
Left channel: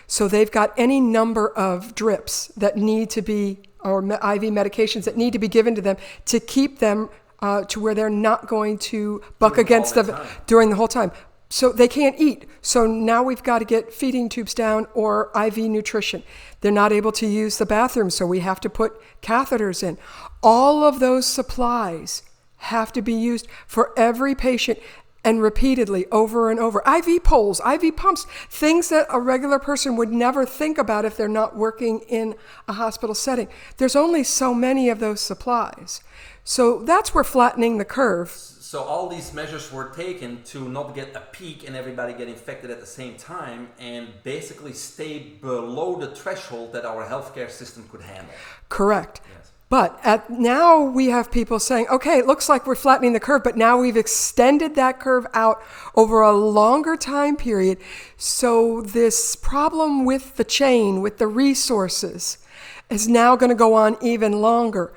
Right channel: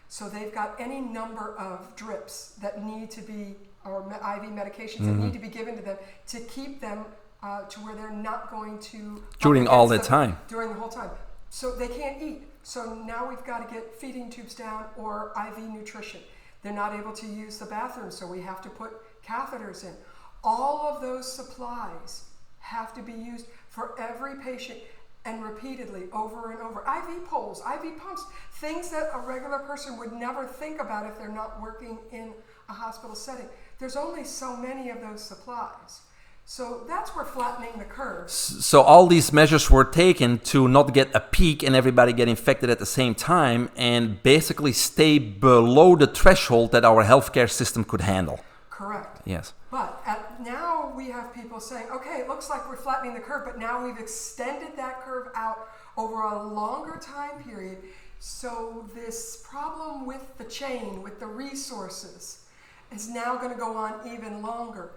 So they've got any number of drips that need to be, or IV medications that need to be given to them to keep them to where they're not going to buck against them during the whole time. So they can't eat. So now we've got to get feeding tubes down or IV nutrition. They're not able to use the bathroom, so we have to put catheters in. All of those supplies have to be used for every patient and repeatedly over and over. IV poles, IV pumps, things that a regular person would never think about if they're not working in a hospital setting. There's only so many of those supplies. So that's where flattening the curve. So all these measures were taken to not get a peak and everybody get infected at the same time, and basically stay below the threshold that our healthcare system could handle. Correct. Yes. But now we have people saying, okay, it looks like we're flattening the curve, but now we've extended that curve out over a longer time period. So this problem with the chain, with the resources, is now going to go on even longer.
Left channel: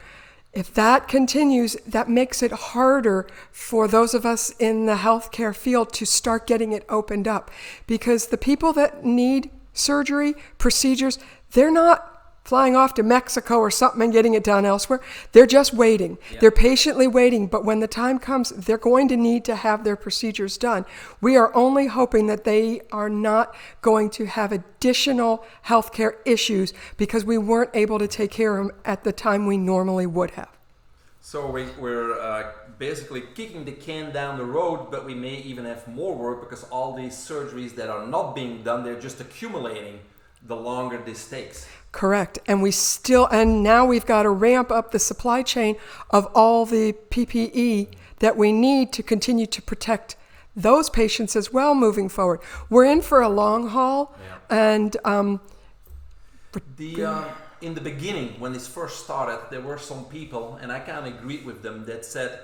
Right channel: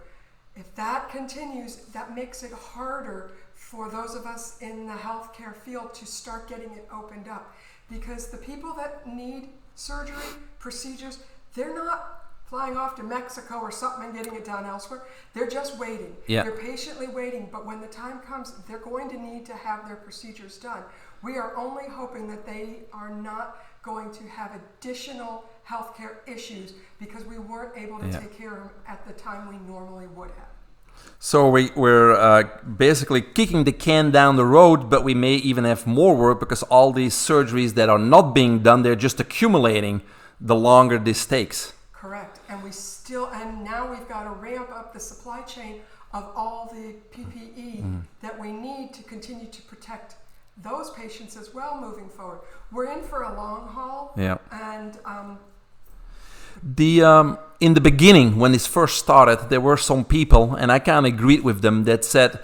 If that continues, that makes it harder for those of us in the healthcare field to start getting it opened up. Because the people that need surgery, procedures, they're not flying off to Mexico or something and getting it done elsewhere. They're just waiting. Yeah. They're patiently waiting. But when the time comes, they're going to need to have their procedures done. We are only hoping that they are not going to have additional healthcare issues because we weren't able to take care of them at the time we normally would have. So we're basically kicking the can down the road, but we may even have more work because all these surgeries that are not being done, they're just accumulating the longer this takes. Correct. And now we've got to ramp up the supply chain of all the PPE that we need to continue to protect those patients as well moving forward. We're in for a long haul. Yeah. And in the beginning, when this first started, there were some people, and I kind of agreed with them, that said,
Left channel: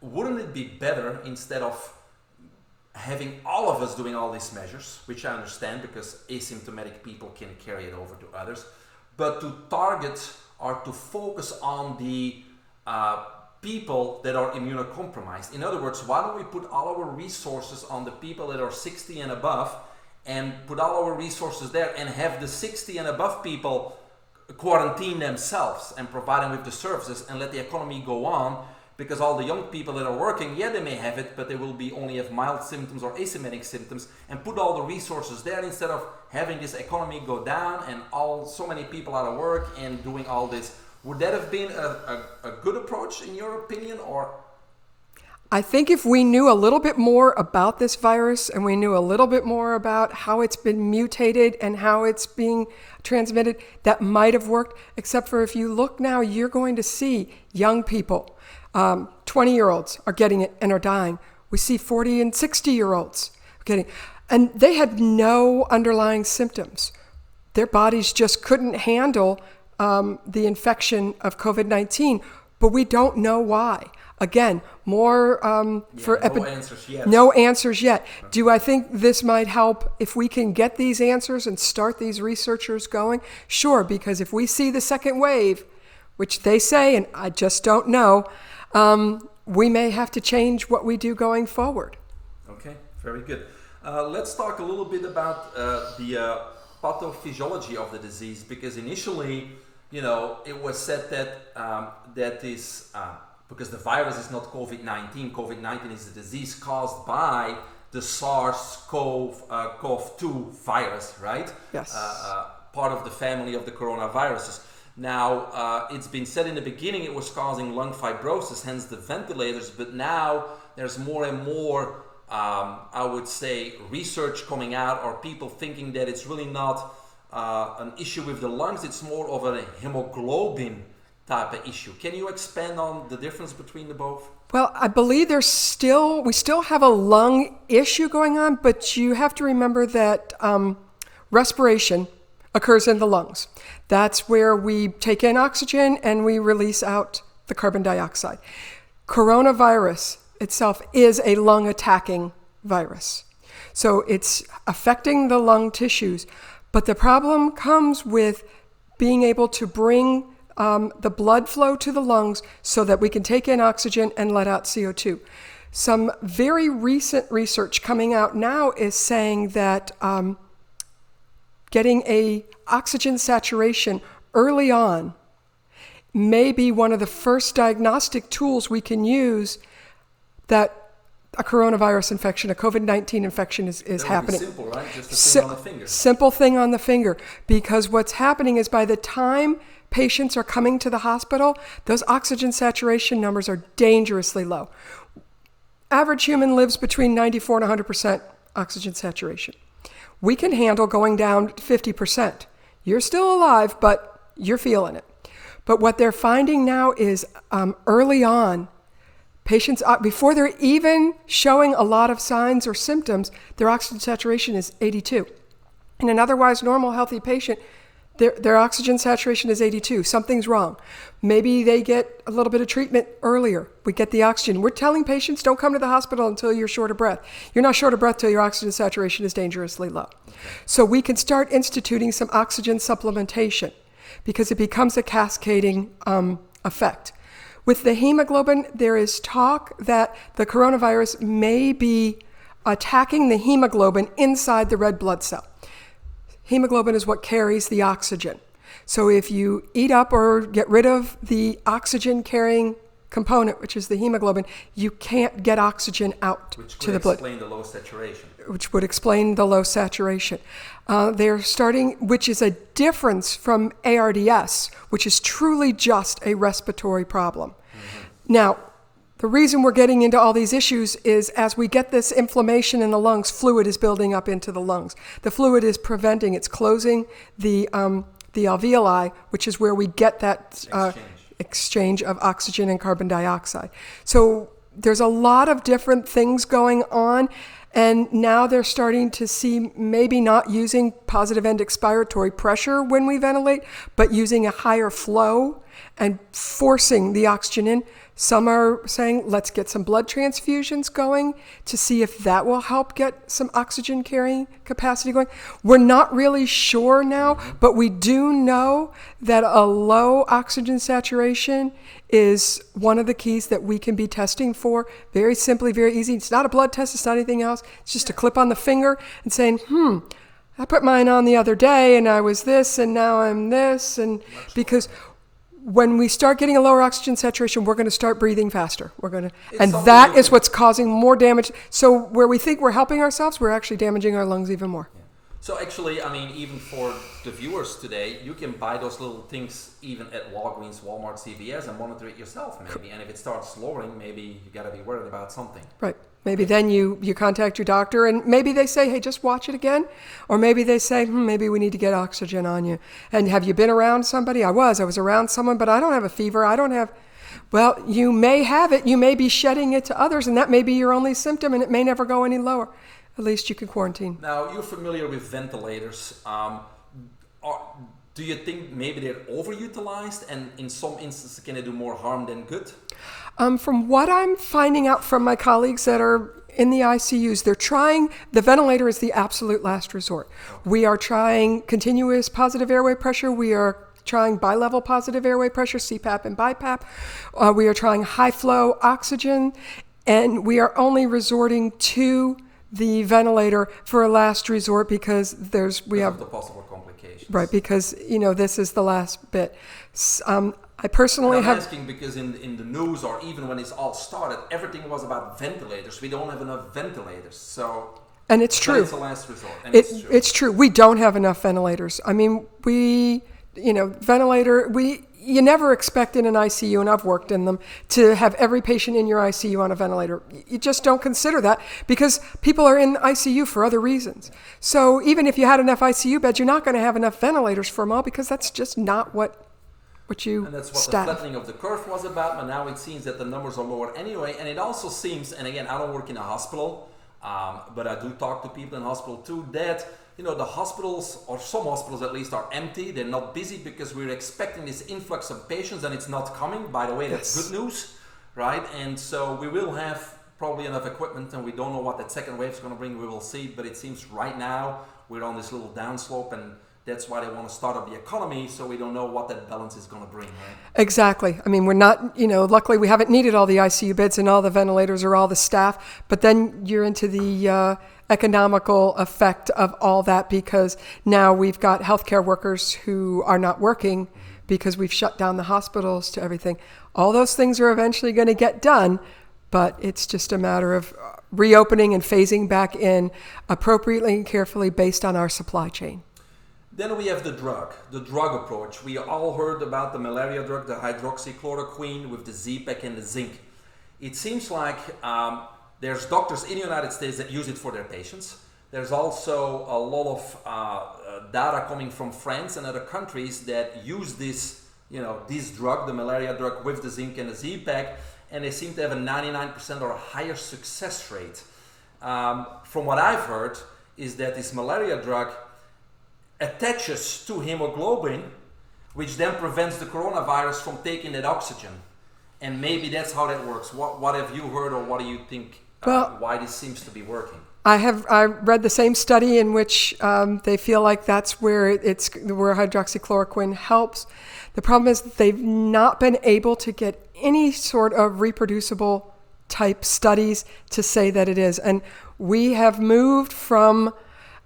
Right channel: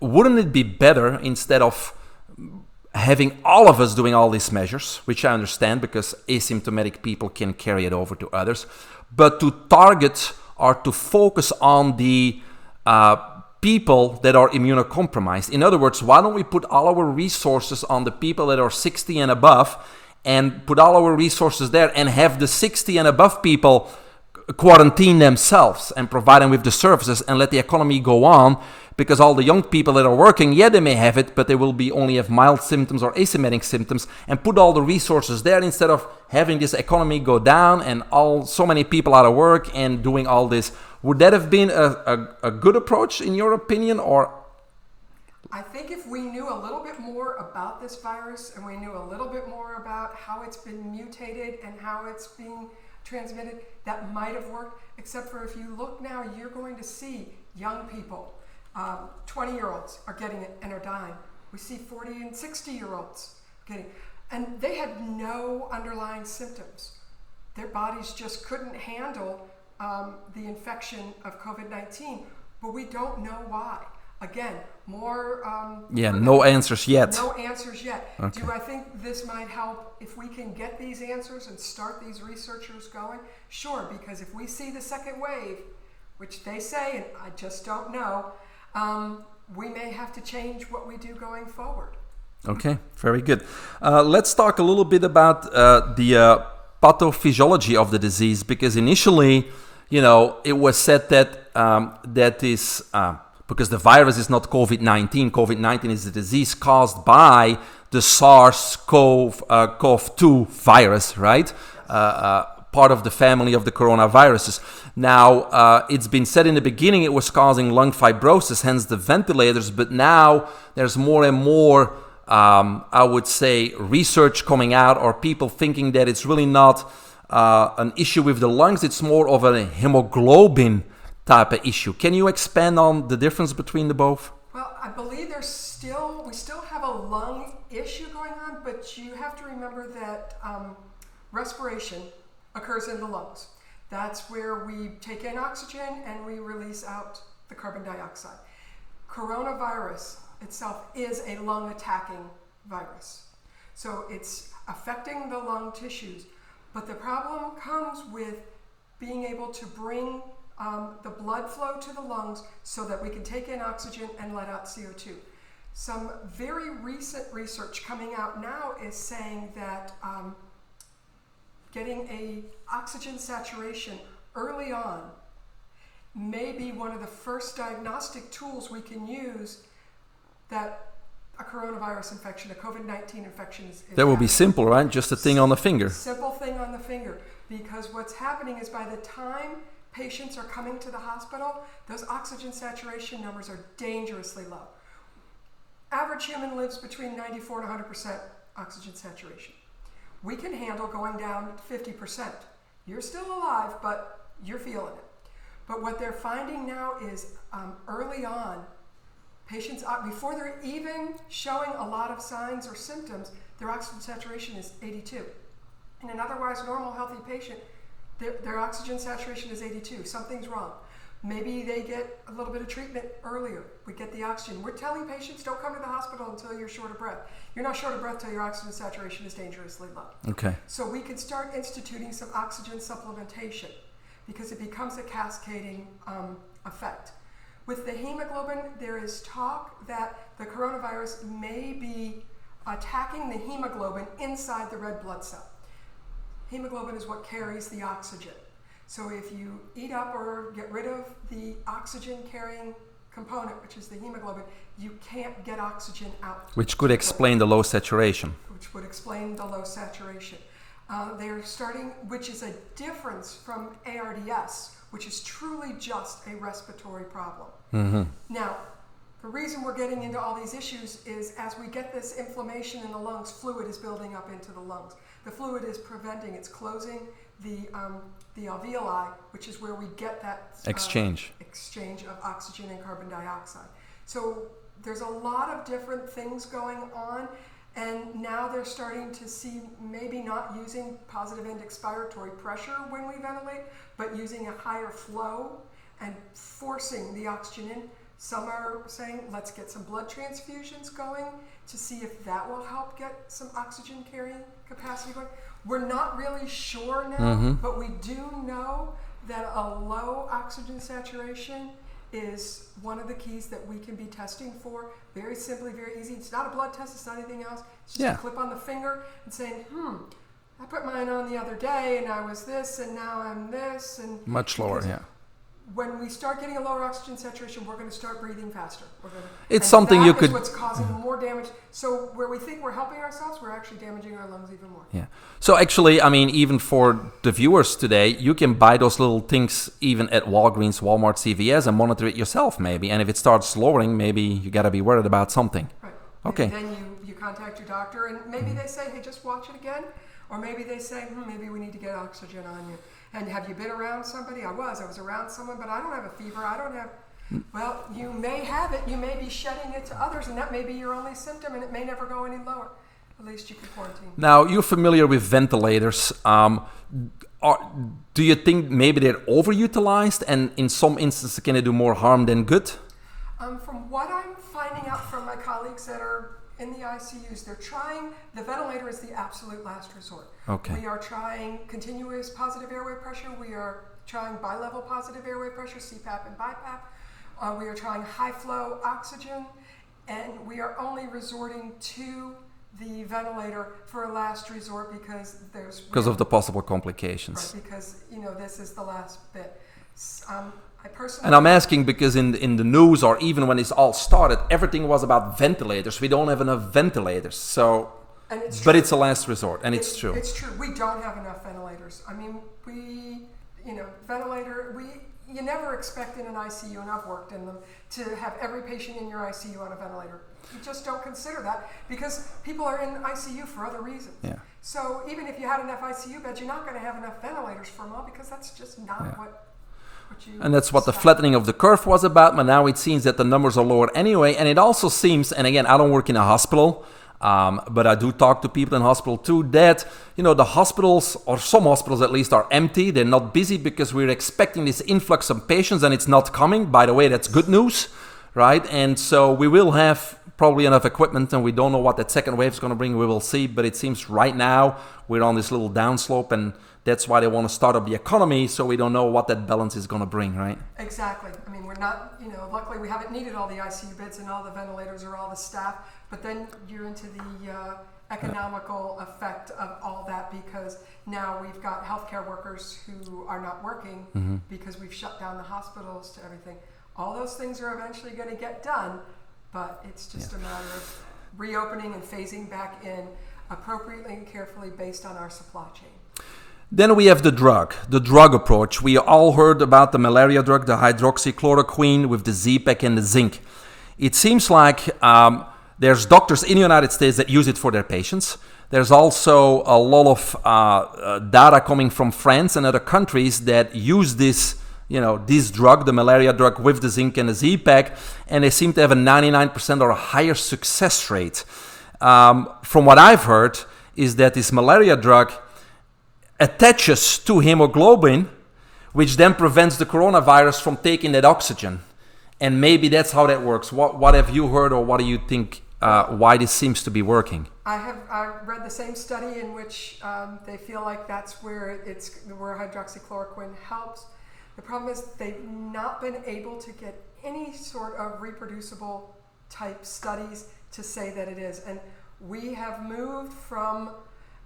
wouldn't it be better instead of having all of us doing all these measures, which I understand because asymptomatic people can carry it over to others, but to target or to focus on the people that are immunocompromised. In other words, why don't we put all our resources on the people that are 60 and above and put all our resources there and have the 60 and above people quarantine themselves and provide them with the services and let the economy go on. Because all the young people that are working, they may have it, but they will only have mild symptoms or asymptomatic symptoms, and put all the resources there instead of having this economy go down and so many people out of work and doing all this. Would that have been a good approach in your opinion, or? I think if we knew a little bit more about this virus and we knew a little bit more about how it's been mutated and how it's being transmitted, that might have worked. Except for if you look now, you're going to see young people, 20-year-olds are getting it and are dying. We see 40 and 60-year-olds getting it. And they had no underlying symptoms. Their bodies just couldn't handle the infection of COVID-19, but we don't know why. Again, more... no answers yet. No answers yet. Okay. Do I think this might help if we can get these answers and start these researchers going? Sure, because if we see the second wave, which they say, and I just don't know, we may have to change what we do going forward. Okay, very good. Let's talk a little bit about the pathophysiology of the disease, because initially, it was said that because the virus is not COVID-19. COVID-19 is a disease caused by the SARS-CoV-2 virus, right? Yes. Part of the family of the coronaviruses. Now, it's been said in the beginning it was causing lung fibrosis, hence the ventilators, but now there's more and more, I would say, research coming out, or people thinking that it's really not an issue with the lungs, it's more of a hemoglobin type of issue. Can you expand on the difference between the both? Well, I believe we still have a lung issue going on, but you have to remember that respiration occurs in the lungs. That's where we take in oxygen and we release out the carbon dioxide. Coronavirus itself is a lung attacking virus. So it's affecting the lung tissues. But the problem comes with being able to bring the blood flow to the lungs so that we can take in oxygen and let out CO2. Some very recent research coming out now is saying that getting a oxygen saturation early on may be one of the first diagnostic tools we can use that a coronavirus infection, a COVID-19 infection is happening. That would be simple, right? Just a thing on the finger. Simple thing on the finger. Because what's happening is by the time patients are coming to the hospital, those oxygen saturation numbers are dangerously low. Average human lives between 94 and 100% oxygen saturation. We can handle going down 50%. You're still alive, but you're feeling it. But what they're finding now is early on, patients, before they're even showing a lot of signs or symptoms, their oxygen saturation is 82. In an otherwise normal, healthy patient, their oxygen saturation is 82. Something's wrong. Maybe they get a little bit of treatment earlier. We get the oxygen. We're telling patients, don't come to the hospital until you're short of breath. You're not short of breath till your oxygen saturation is dangerously low. Okay. So we can start instituting some oxygen supplementation because it becomes a cascading effect. With the hemoglobin, there is talk that the coronavirus may be attacking the hemoglobin inside the red blood cell. Hemoglobin is what carries the oxygen. So if you eat up or get rid of the oxygen-carrying component, which is the hemoglobin, you can't get oxygen out. Which could explain the low saturation. Which would explain the low saturation. They're starting, which is a difference from ARDS, which is truly just a respiratory problem. Mm-hmm. Now, the reason we're getting into all these issues is as we get this inflammation in the lungs, fluid is building up into the lungs. The fluid is it's closing the alveoli, which is where we get that exchange of oxygen and carbon dioxide. So there's a lot of different things going on, and now they're starting to see maybe not using positive end expiratory pressure when we ventilate, but using a higher flow and forcing the oxygen in. Some are saying, let's get some blood transfusions going to see if that will help get some oxygen carrying capacity going. We're not really sure now, but we do know that a low oxygen saturation is one of the keys that we can be testing for. Very simply, very easy. It's not a blood test, it's not anything else. It's just a clip on the finger and saying, I put mine on the other day and I was this and now I'm this. And much because lower, when we start getting a lower oxygen saturation, we're going to start breathing faster. And something that is what's causing more damage. So where we think we're helping ourselves, we're actually damaging our lungs even more. Yeah. So actually, I mean, even for the viewers today, you can buy those little things even at Walgreens, Walmart, CVS and monitor it yourself maybe. And if it starts lowering, maybe you got to be worried about something. Right. Maybe then you contact your doctor and maybe they say, hey, just watch it again. Or maybe they say, maybe we need to get oxygen on you. And have you been around somebody? I was around someone, but I don't have a fever. I don't have, well, you may have it. You may be shedding it to others and that may be your only symptom and it may never go any lower. At least you could quarantine. Now, you're familiar with ventilators. Do you think maybe they're overutilized and in some instances can they do more harm than good? From what I'm finding out from my colleagues that are in the ICUs, they're trying, the ventilator is the absolute last resort. Okay. We are trying continuous positive airway pressure. We are trying bi-level positive airway pressure, CPAP and BiPAP. We are trying high flow oxygen, and we are only resorting to the ventilator for a last resort because of the possible complications. Right, because, this is the last bit. I personally and I'm asking because in the news or even when this all started, everything was about ventilators. We don't have enough ventilators. So, and it's true. But it's a last resort, and it's true. It's true. We don't have enough ventilators. I mean, you never expect in an ICU, and I've worked in them, to have every patient in your ICU on a ventilator. You just don't consider that because people are in the ICU for other reasons. Yeah. So even if you had enough ICU beds, you're not going to have enough ventilators for them all because that's just not what you and that's what the flattening of the curve was about, but now it seems that the numbers are lower anyway. And it also seems, and again, I don't work in a hospital, but I do talk to people in hospital too, that the hospitals, or some hospitals at least, are empty. They're not busy because we're expecting this influx of patients and it's not coming. By the way, that's good news, right? And so we will have probably enough equipment, and we don't know what that second wave is going to bring. We will see, but it seems right now we're on this little downslope, and that's why they want to start up the economy, so we don't know what that balance is going to bring, right? Exactly. I mean, we're not, luckily we haven't needed all the ICU beds and all the ventilators or all the staff, but then you're into the economical effect of all that because now we've got healthcare workers who are not working because we've shut down the hospitals to everything. All those things are eventually going to get done, but it's just a matter of reopening and phasing back in appropriately and carefully based on our supply chain. Then we have the drug approach. We all heard about the malaria drug, the hydroxychloroquine with the Z-Pack and the zinc. It seems like there's doctors in the United States that use it for their patients. There's also a lot of data coming from France and other countries that use this drug, the malaria drug with the zinc and the Z-Pack, and they seem to have a 99% or a higher success rate. From what I've heard is that this malaria drug attaches to hemoglobin, which then prevents the coronavirus from taking that oxygen. And maybe that's how that works. What have you heard, or what do you think, why this seems to be working? I read the same study in which they feel like that's where hydroxychloroquine helps. The problem is that they've not been able to get any sort of reproducible type studies to say that it is. And we have moved from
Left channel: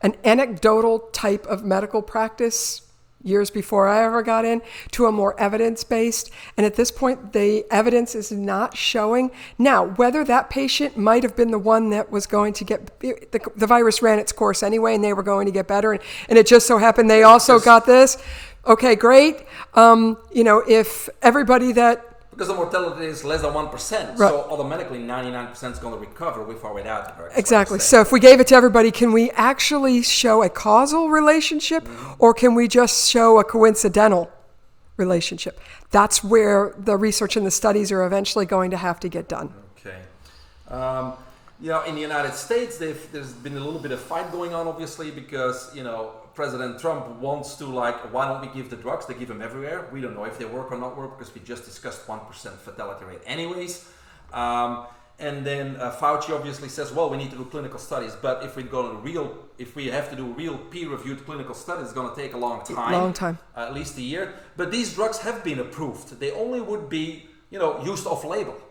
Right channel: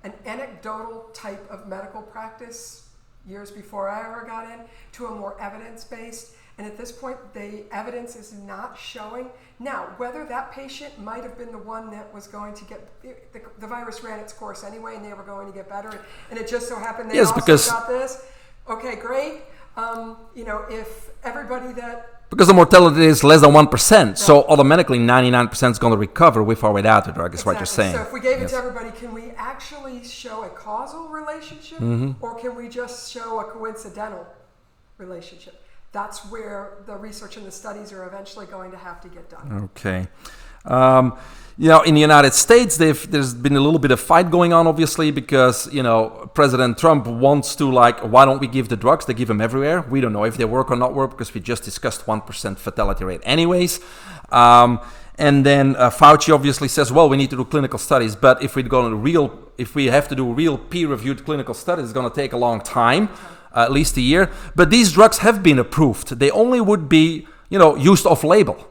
an anecdotal type of medical practice years before I ever got in to a more evidence-based. And at this point, the evidence is not showing. Now, whether that patient might have been the one that was going to get, the virus ran its course anyway, and they were going to get better. And it just so happened they also got this. Okay, great. If everybody that because the mortality is less than 1%, right. So automatically 99% is going to recover with or without the drug. Exactly. So if we gave it to everybody, can we actually show a causal relationship, or can we just show a coincidental relationship? That's where the research and the studies are eventually going to have to get done. Okay. In the United States, there's been a little bit of fight going on, obviously, because, President Trump wants to, why don't we give the drugs? They give them everywhere. We don't know if they work or not work because we just discussed 1% fatality rate anyways. And then Fauci obviously says, well, we need to do clinical studies. But if we have to do real peer-reviewed clinical studies, it's going to take a long time. At least a year. But these drugs have been approved. They only would be, used off-label.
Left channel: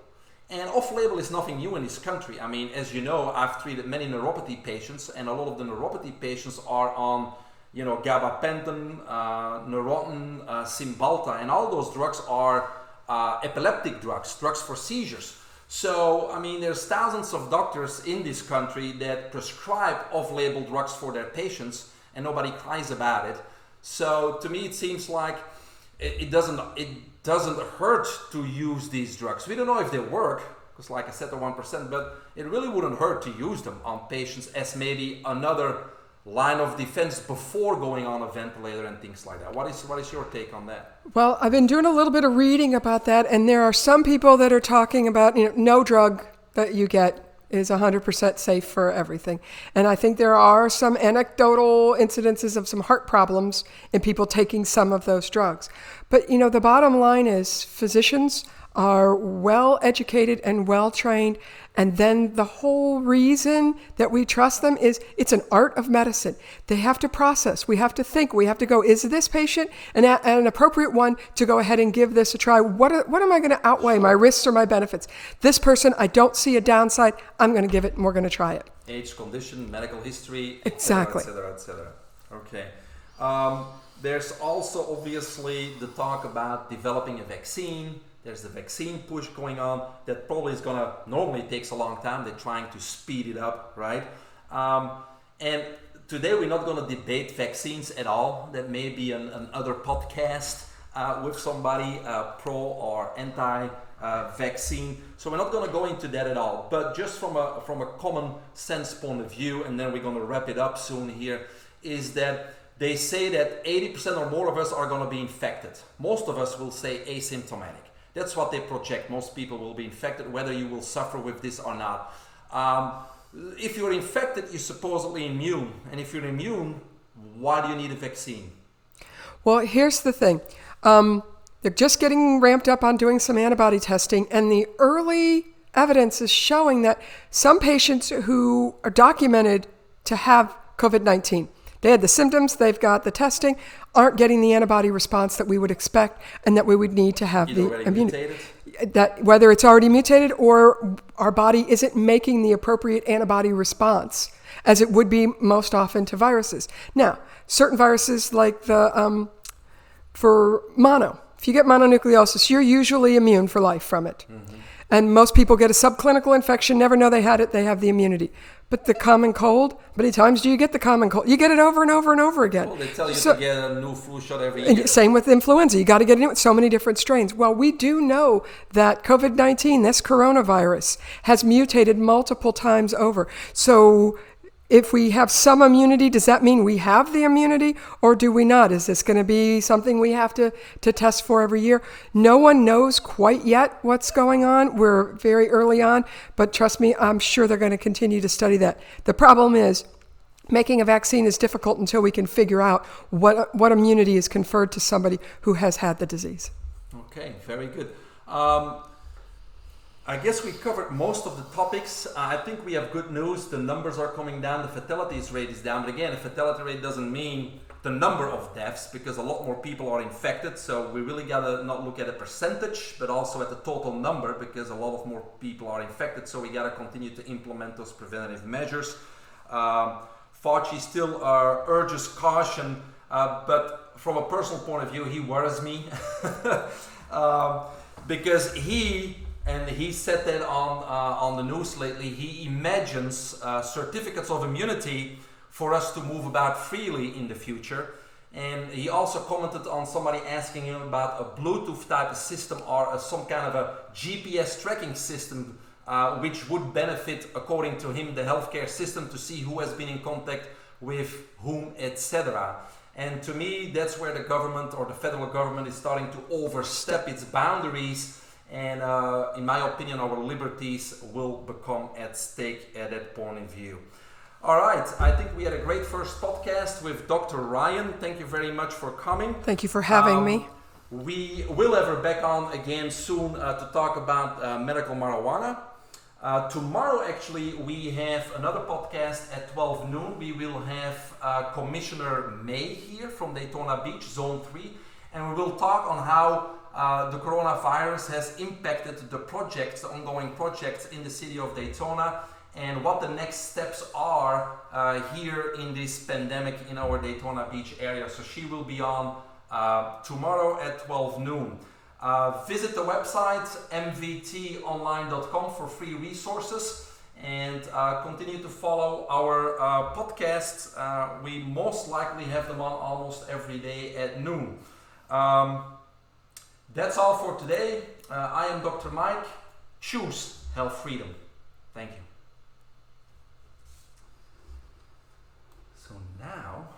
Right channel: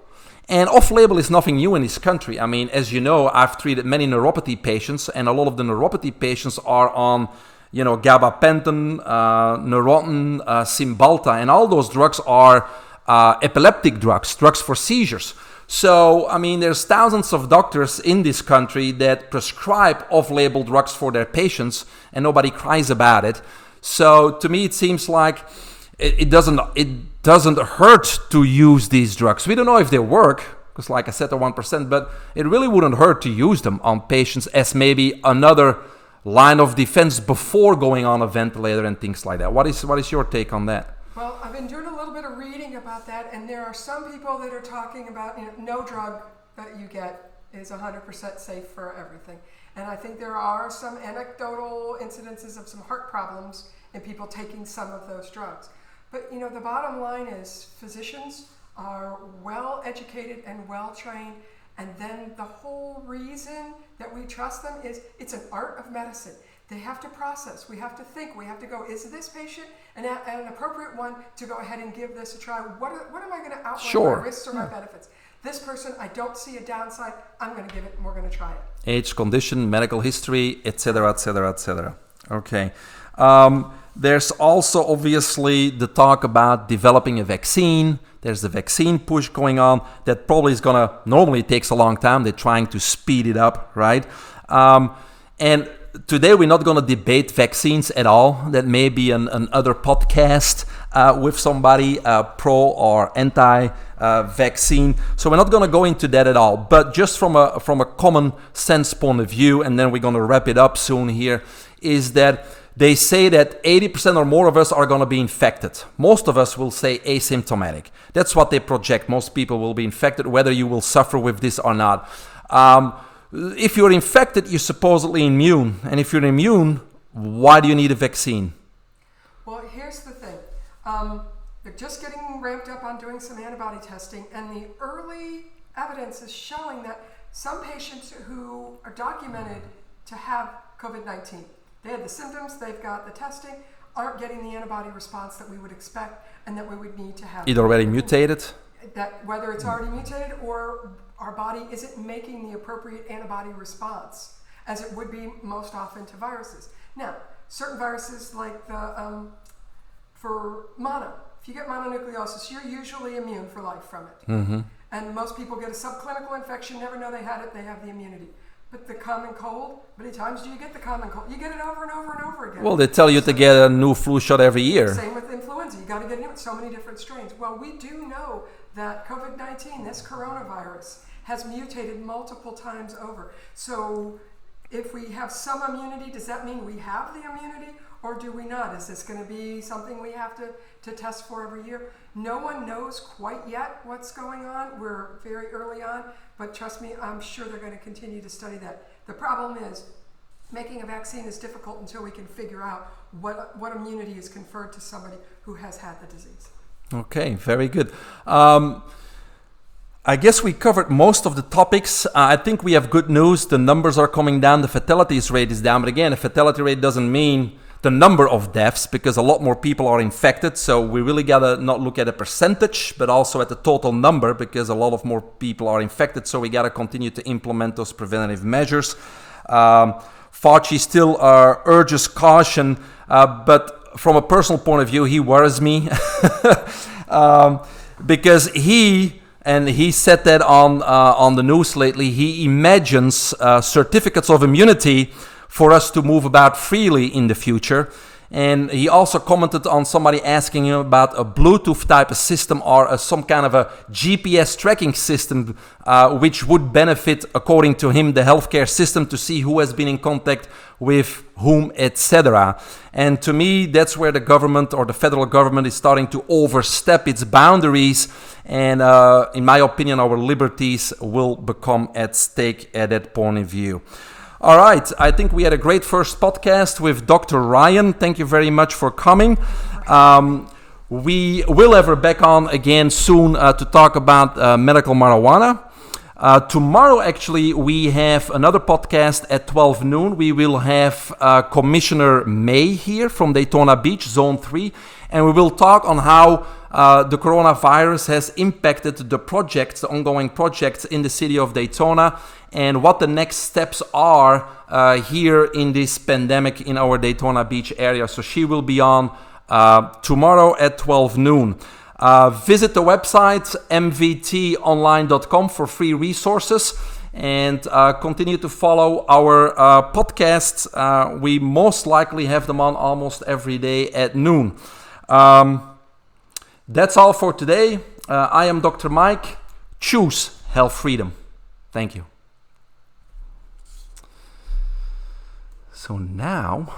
And off-label is nothing new in this country. I mean, as you know, I've treated many neuropathy patients, and a lot of the neuropathy patients are on, gabapentin, Neurontin, Cymbalta, and all those drugs are epileptic drugs for seizures. So, I mean, there's thousands of doctors in this country that prescribe off-label drugs for their patients, and nobody cries about it. So, to me, it seems like it doesn't hurt to use these drugs. We don't know if they work, because like I said, they're 1%, but it really wouldn't hurt to use them on patients as maybe another line of defense before going on a ventilator and things like that. What is your take on that? Well, I've been doing a little bit of reading about that, and there are some people that are talking about, no drug that you get is 100% safe for everything. And I think there are some anecdotal incidences of some heart problems in people taking some of those drugs. But, the bottom line is physicians are well educated and well trained. And then the whole reason that we trust them is it's an art of medicine. They have to process. We have to think. We have to go, is this patient an appropriate one to go ahead and give this a try? What am I going to outweigh, my risks or my benefits? This person, I don't see a downside. I'm going to give it and we're going to try it. Age, condition, medical history, etc., etc., etc. Okay. There's also obviously the talk about developing a vaccine. There's the vaccine push going on that probably is normally takes a long time. They're trying to speed it up, right? And today we're not going to debate vaccines at all. That may be another podcast with somebody pro or anti-vaccine. So we're not going to go into that at all. But just from a common sense point of view, and then we're going to wrap it up soon here, is that they say that 80% or more of us are going to be infected. Most of us will say asymptomatic. That's what they project. Most people will be infected, whether you will suffer with this or not. If you're infected, you're supposedly immune. And if you're immune, why do you need a vaccine? Well, here's the thing. They're just getting ramped up on doing some antibody testing, and the early evidence is showing that some patients who are documented to have COVID-19, they had the symptoms, they've got the testing, aren't getting the antibody response that we would expect and that we would need to have. It already mutated? That whether it's already mutated or our body isn't making the appropriate antibody response as it would be most often to viruses. Now, certain viruses like for mono, if you get mononucleosis, you're usually immune for life from it. Mm-hmm. And most people get a subclinical infection, never know they had it, they have the immunity. But the common cold, how many times do you get the common cold? You get it over and over and over again. Well, they tell you to get a new flu shot every year. Same with influenza. You got to get it with so many different strains. Well, we do know that COVID-19, this coronavirus, has mutated multiple times over. So if we have some immunity, does that mean we have the immunity or do we not? Is this going to be something we have to test for every year? No one knows quite yet what's going on. We're very early on, but trust me, I'm sure they're going to continue to study that. The problem is making a vaccine is difficult until we can figure out what immunity is conferred to somebody who has had the disease. Okay, very good. I guess we covered most of the topics. I think we have good news. The numbers are coming down. The fatality rate is down. But again, the fatality rate doesn't mean the number of deaths because a lot more people are infected. So we really got to not look at a percentage, but also at the total number because a lot of more people are infected. So we got to continue to implement those preventative measures. Fauci still urges caution, but from a personal point of view, he worries me because he said that on the news lately. He imagines certificates of immunity for us to move about freely in the future. And he also commented on somebody asking him about a Bluetooth type of system or some kind of a GPS tracking system, which would benefit, according to him, the healthcare system to see who has been in contact with whom, etc. And to me, that's where the government or the federal government is starting to overstep its boundaries. And in my opinion, our liberties will become at stake at that point of view. All right, I think we had a great first podcast with Dr. Ryan. Thank you very much for coming. Thank you for having me. We will have her back on again soon to talk about medical marijuana. Tomorrow, actually, we have another podcast at 12 noon. We will have Commissioner May here from Daytona Beach, Zone 3, and we will talk on how the coronavirus has impacted the projects, the ongoing projects in the city of Daytona, and what the next steps are here in this pandemic in our Daytona Beach area. So she will be on tomorrow at 12 noon. Visit the website mvtonline.com for free resources, and continue to follow our podcasts. We most likely have them on almost every day at noon. That's all for today. I am Dr. Mike. Choose health freedom. Thank you. So now